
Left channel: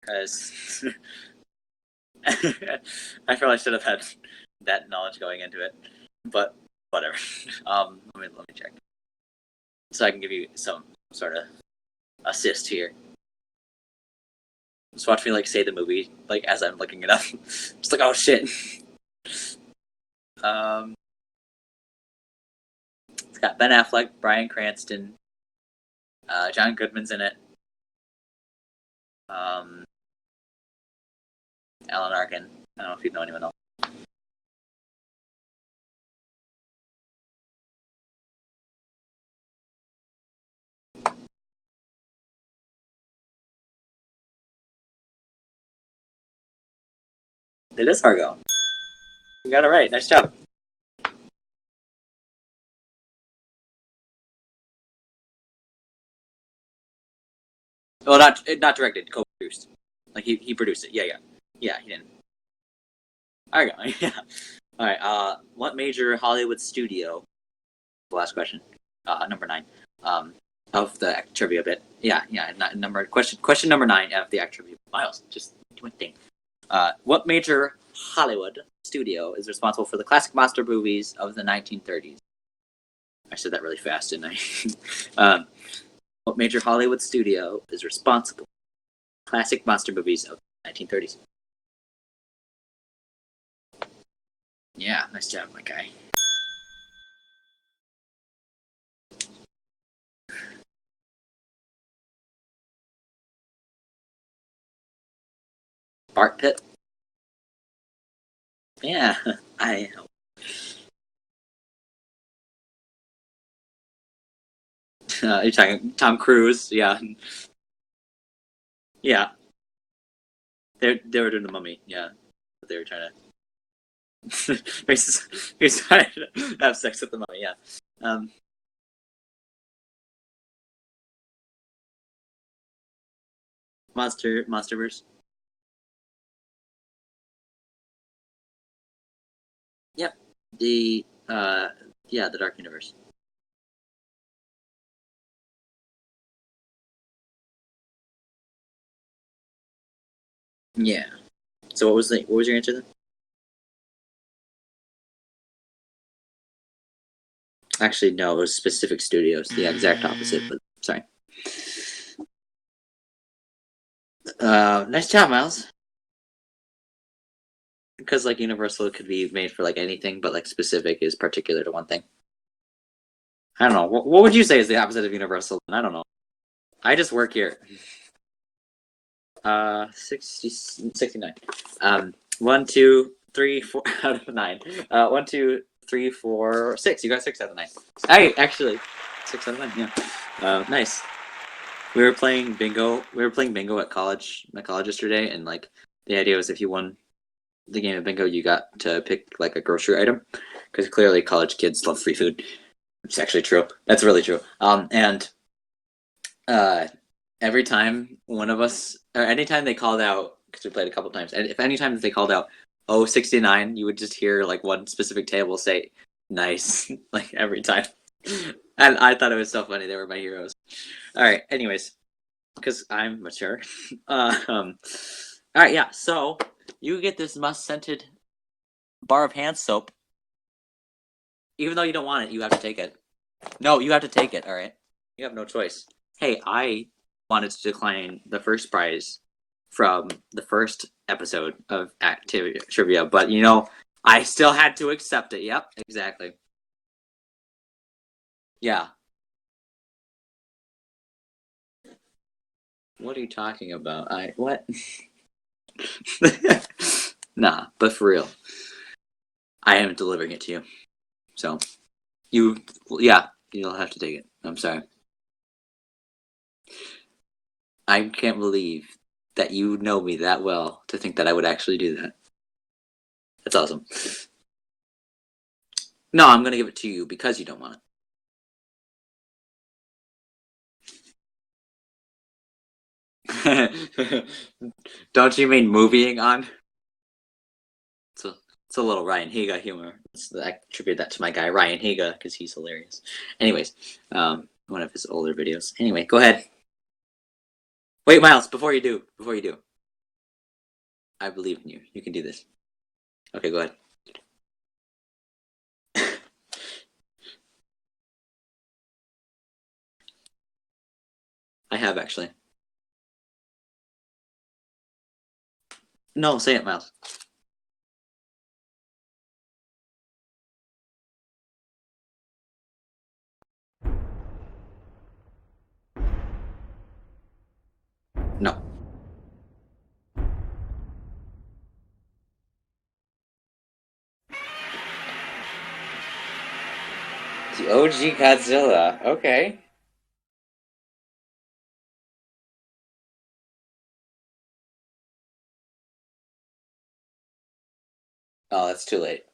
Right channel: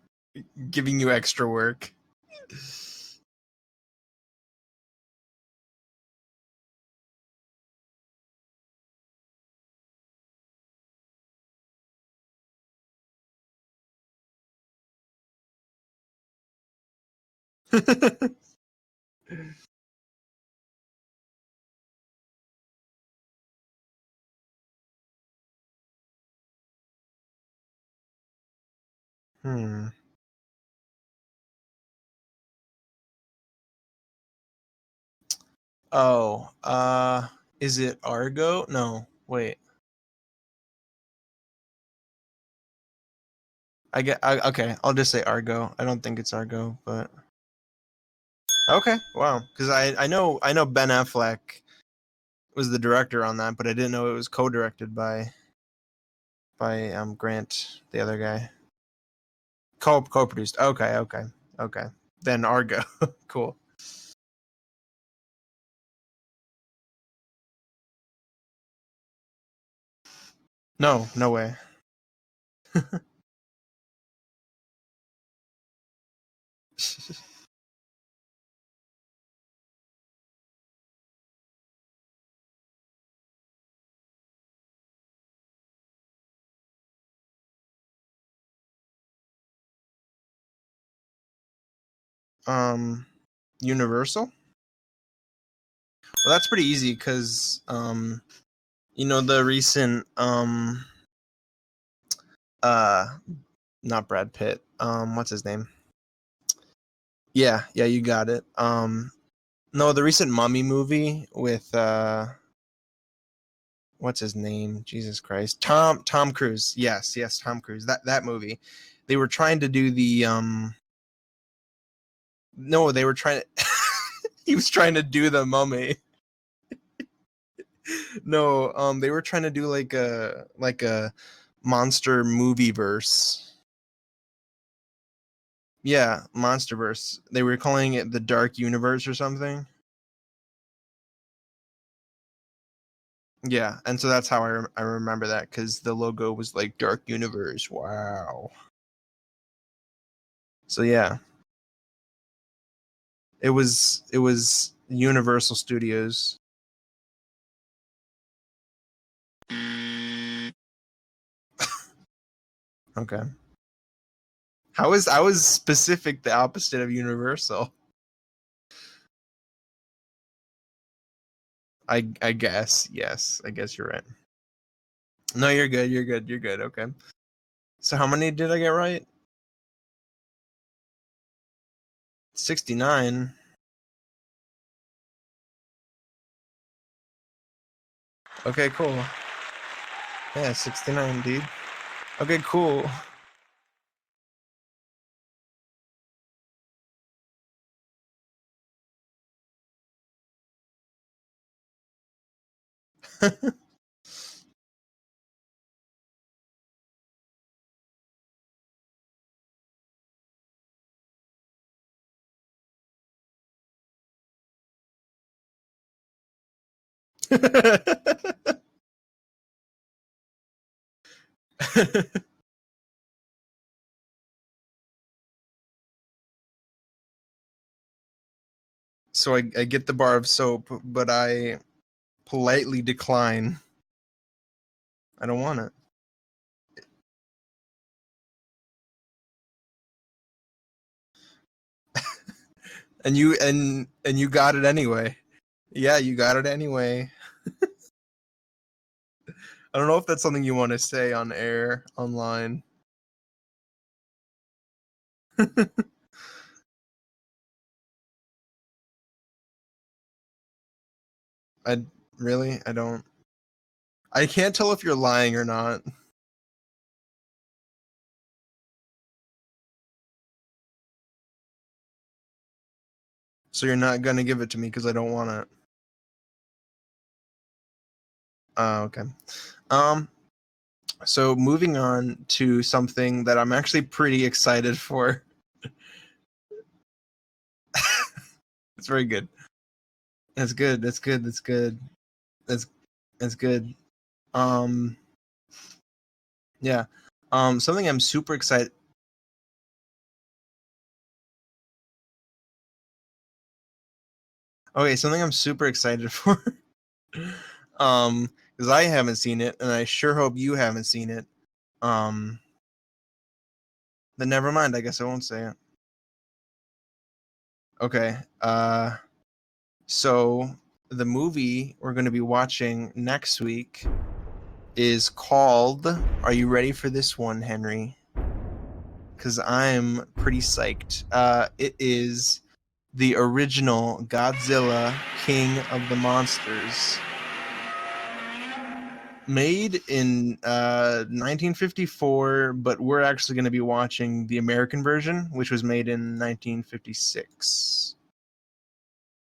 Because Giving you extra work. I probably should have had that knowledge going into it, but whatever. Let me check, so I can give you some sort of assist here. Just watch me like say the movie like as I'm looking it up. Just like, oh shit. It's got Ben Affleck, Bryan Cranston, John Goodman's in it. Alan Arkin. I don't know if you know anyone else. Oh, is it Argo? No, wait. Okay, I'll just say Argo. I don't think it's Argo, but It is Argo. okay, wow. You got it right. Nice job. I know Ben Affleck was the director on that, but I didn't know it was co-directed by Grant. The other guy. Not directed, co-produced. Co-produced. He produced it. Okay. Yeah. Then Argo. Cool. Argo. Yeah. All right. What major Hollywood studio? The last question. Number 9. Of the no way. trivia bit. Yeah. Not number question number 9 of the act trivia. Miles, just do one thing. What major Hollywood studio is responsible for the classic monster movies of the 1930s? I said that really fast, didn't I? What major Hollywood studio is responsible for classic monster movies of the 1930s? Universal? Yeah, nice job, my guy. Well, that's pretty easy because the recent not Brad Pitt. What's his name? Bart Pitt? Yeah, you got it. Yeah. No, the recent Mummy movie with what's his name? Jesus You're Christ. talking Tom Cruise. Yeah. Yes, Tom Cruise. That movie. They Yeah. were trying to do the They were doing the Mummy. Yeah. No, they were trying to he was trying to do the Mummy. He's trying to have sex with the Mummy. Yeah. No, they were trying to do like a monster movie verse. Monsterverse. Yeah, Monsterverse. They were calling it the Dark Universe or something. Yep. The Dark Universe. Yeah, and so that's how I remember that, because the logo was like Dark Universe. Wow. So yeah. So what was your answer then? It was Universal Studios. Actually, no, it was Specific Studios. The exact opposite. But sorry. Okay. How was Specific the opposite of Universal? Because like Universal could be made for like anything, but like Specific is particular to one thing. I guess, yes. I don't know. Right. What would you say is the opposite of Universal? No, you're good. You're good. Okay. I just work here. So how many did I get right? 69. 1, 2, 3, 4 out of 9. 1, 2, 3, 4, 6. You got 6 out of 9. Hey, actually, okay, cool. 6 out of 9. Yeah. Yeah, 6 nice. to 9, dude. We were playing bingo. We were playing bingo at college yesterday, and like the idea was if you won the game of bingo, you got to pick like a grocery item, because clearly college kids love free food. It's actually true. That's really true. And every time one of us, or anytime they called out, because we played a couple times, and if anytime they called out 69, you would just hear like one specific table say nice, like every time. And I thought it was so funny. They were my heroes. All right, anyways, because I'm mature. All right, yeah, so you get this must-scented bar of hand soap. I get the bar of soap, but I, even though you don't want it, you politely have to take it. decline. No, you have to take it, all right? You have I don't want choice. Hey, I wanted to decline the first prize from the first episode of Activity Trivia, but I still had to accept it. Yep. Yeah, exactly. You got it anyway. Yeah. I don't know if that's something you want to say on air, online. What are you talking about? What? Nah, but for real, I am delivering it to you. So I don't. Yeah, you'll have to take it. I can't tell if you're lying or not. I can't believe that you know me that well to think that I would actually do that. That's awesome. So you're not gonna give it to me because I don't want it? No, I'm gonna give it to you because you don't want it. Okay. So moving on to something that I'm actually pretty excited for. Don't you mean moving on? It's a little Ryan Higa humor. That's good. That's good. To my guy Ryan Higa, because he's hilarious. That's Anyways, one of his older videos. Anyway, go ahead. Yeah. Something I'm super Miles, excited. Before you do. I believe in you. You can do this. Okay, go ahead. Okay, something I'm super excited for. Because I haven't seen it, and I sure hope you haven't seen it. I have actually. Then never mind. I guess I won't say it. No, say it, Miles. Okay. So the movie we're going to be watching next week is called. Are you ready for this one, Henry? No. Because I'm pretty psyched. It is the original Godzilla, King of the Monsters. The OG Godzilla. Okay. Made in 1954, but we're actually going to be watching the American version, which was made in 1956. Oh, that's too late.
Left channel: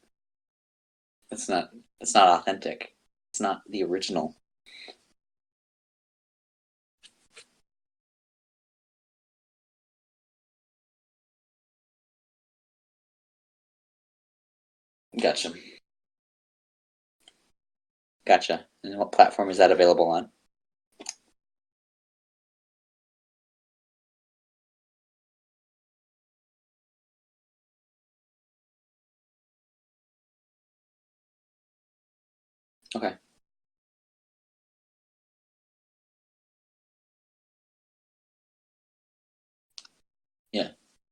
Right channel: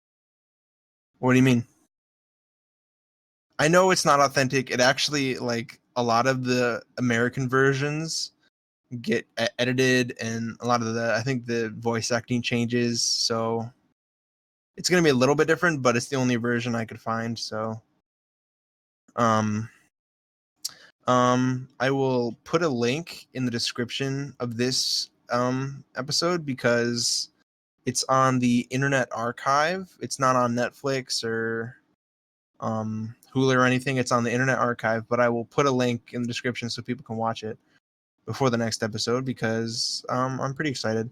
What do you mean? It's not authentic. It's not. I know it's not authentic. It actually, like, a lot of the American versions get edited, and a lot of I think the voice acting changes, so it's going to be a little bit different, but it's the only version I could find, so. Gotcha. And what platform is that available on? I will put a link in the description of this episode because it's on the Internet Archive. It's not on Netflix or Hulu or anything. It's on the Internet Archive, but I will put a link in the description so people can watch it before the next episode because I'm pretty excited.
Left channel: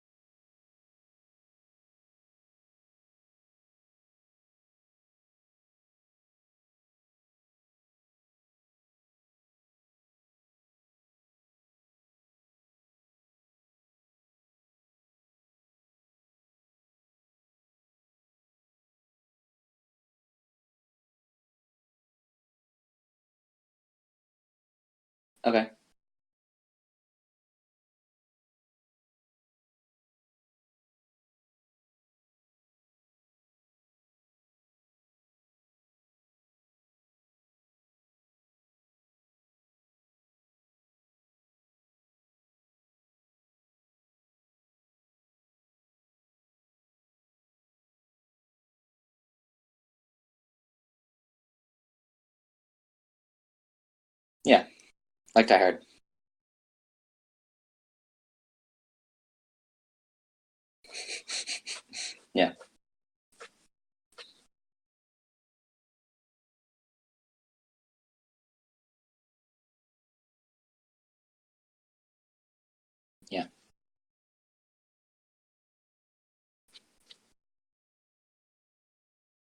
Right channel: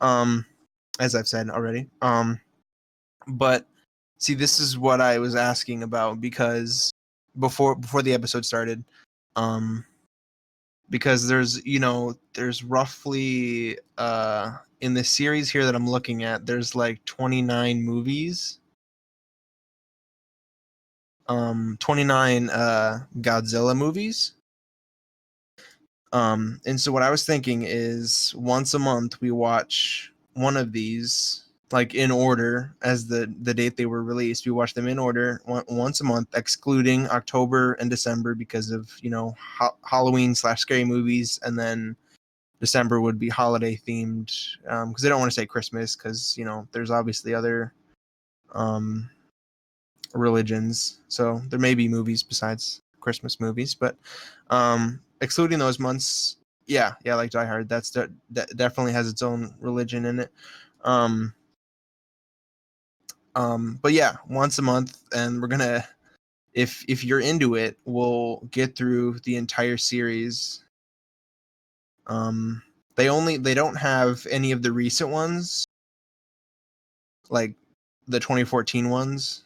As I've said already. But see, this is what I was asking about because before the episode started, because there's roughly in the series here that I'm looking at, there's like 29 movies. 29 Godzilla movies. Okay. And so what I was thinking is once a month we watch one of these, like in order as the date they were released. We watch them in order once a month, excluding October and December because of Halloween / scary movies, and then December would be holiday themed because they don't want to say Christmas because there's obviously other religions, so there may be movies besides Christmas movies, but Yeah. excluding Die those Hard. months, yeah, like Die Hard, that definitely has its own religion in it. Yeah. But yeah, once a month, and we're gonna, if you're into it, we'll get through the entire series. They don't have any of the recent ones, like the 2014 ones.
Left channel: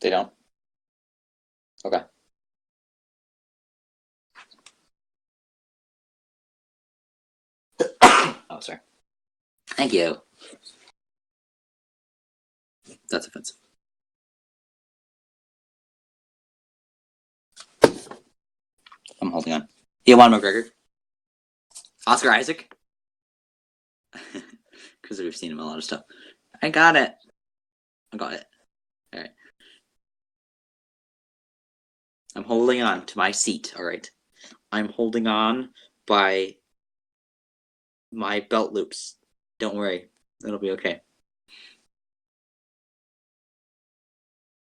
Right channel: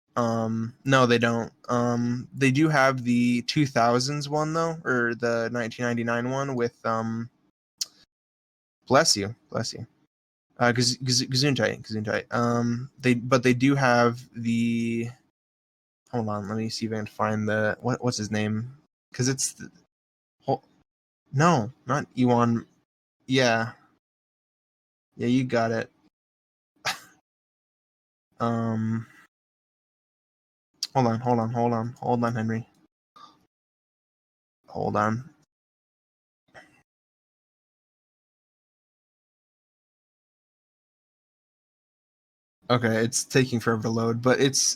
They don't. No, they don't. Okay. They do have the 2000s one though, or the 1999 one with Oh, sorry. Bless you. Thank you. Gesundheit. That's They do have the. Hold on, let me see if I can find the what's his name, because I'm it's holding on. Ewan McGregor. no, not Oscar Ewan. Isaac. Yeah, Because yeah, they've you seen got all their it. stuff. I got it. All right. Hold on, I'm Henry. holding on to my seat. All right. I'm Hold holding on by my belt loops. Don't worry. It'll be okay. Okay, it's taking forever to load, but it's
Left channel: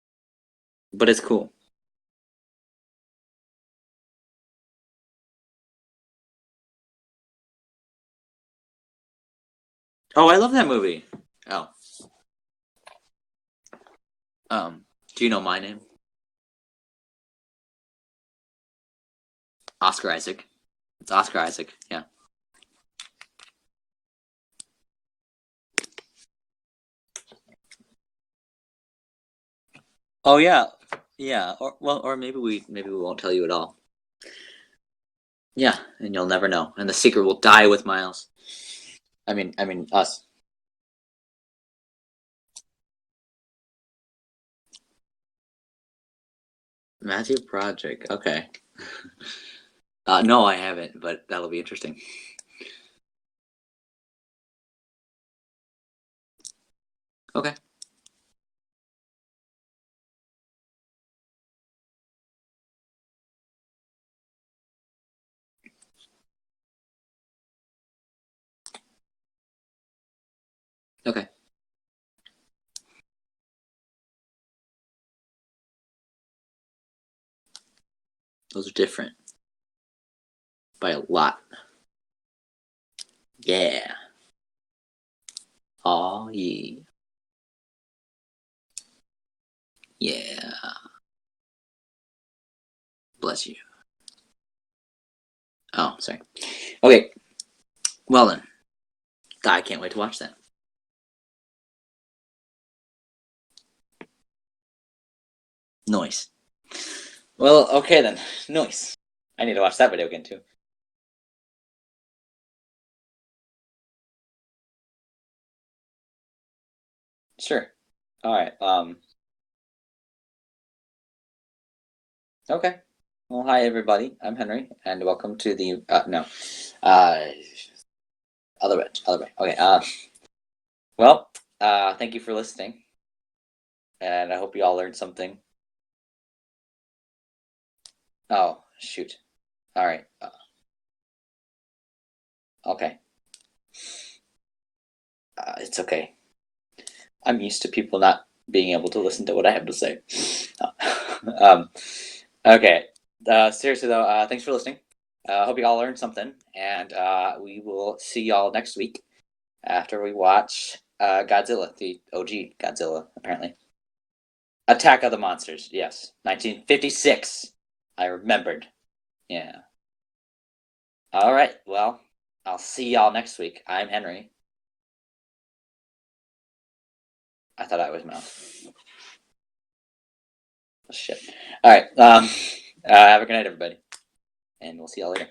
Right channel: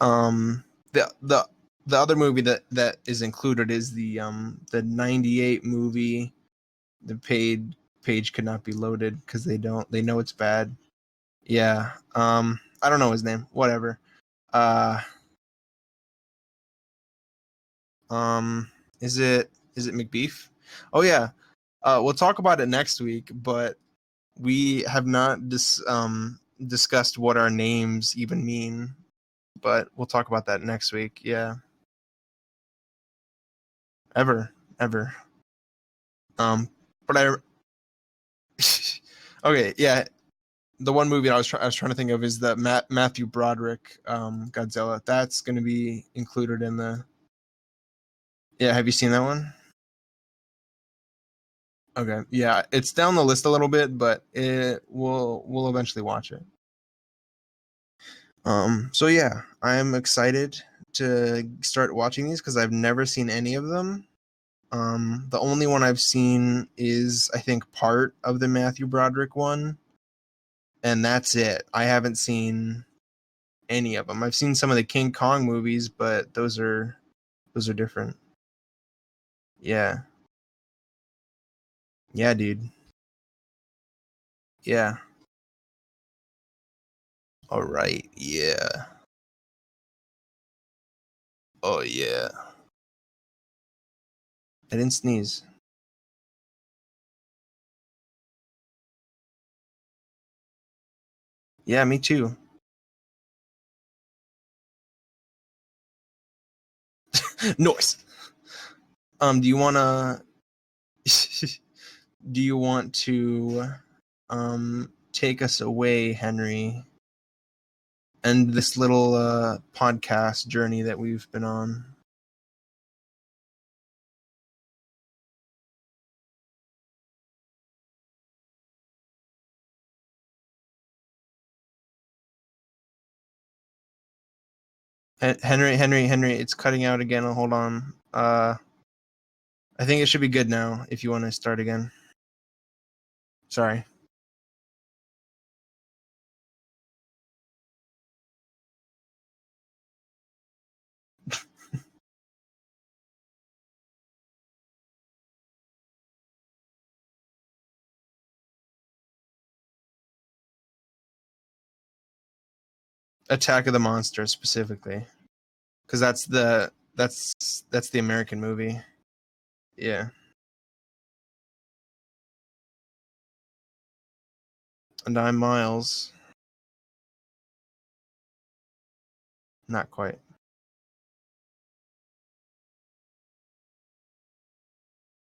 But it's cool. the other movie that is included is the 98 movie. The page could not be loaded because they know Oh, it's I love that bad. movie. Oh. Yeah. I don't know his name. Whatever. Oh. Do you know my name? Is it Oscar Macbeef? Isaac. Oh yeah. Oscar Isaac. Yeah. We'll talk about it next week, but we have not discussed what our names even mean. But we'll talk about that next week. Yeah. Or maybe we won't tell you at all. Ever. Yeah, and you'll never know, and the but secret will die with Miles. Okay, yeah. Us. The one movie I was trying to think of is the Matthew Broderick Godzilla. That's going to be included in the Matthew Broderick. Okay. Yeah, have you seen that one? No, I haven't, but that'll be interesting. Okay, yeah, it's down the list a little bit, but we'll eventually watch it. Okay. So yeah, I'm excited to start watching these because I've never seen any of them. The only one I've seen is I think part of the Matthew Broderick one, and that's it. I haven't seen any of them. I've seen some of the King Kong movies, but those are different. Those are different. Yeah. By a lot. Yeah, dude. Yeah. Yeah. Oh yeah. All right. Yeah. Yeah. Oh yeah. Bless you. I didn't sneeze. Oh, sorry. Okay. Well then, I can't wait to watch that. Yeah, me too. Nice. Well, Nice. okay then. Nice. Do you watch that video again too? Do you want to take us away, Henry? Sure. And this little podcast journey that we've been on. Okay. Well, hi everybody. I'm Henry, and welcome to the other way. Okay. Thank you for listening, and I hope you all learned something. Henry, it's cutting out again. Hold on. Shoot. I think it should be good now. If you want to start again. Okay. Sorry. It's okay. I'm used to people not being able to listen to what I have to say. Okay. Seriously though, thanks for listening. Hope you all learned something, and we will see y'all next week after we watch Godzilla, the OG Godzilla. Apparently. Attack of the Monsters specifically. Attack of the Monsters, yes. Because that's 1956. That's the American movie. Yeah. Yeah. All right. Well, I'll see y'all next week. I'm Henry. And I'm Miles. I thought I was Mel. Not quite. Oh, shit. All right. Have a good night, everybody. And we'll see y'all later.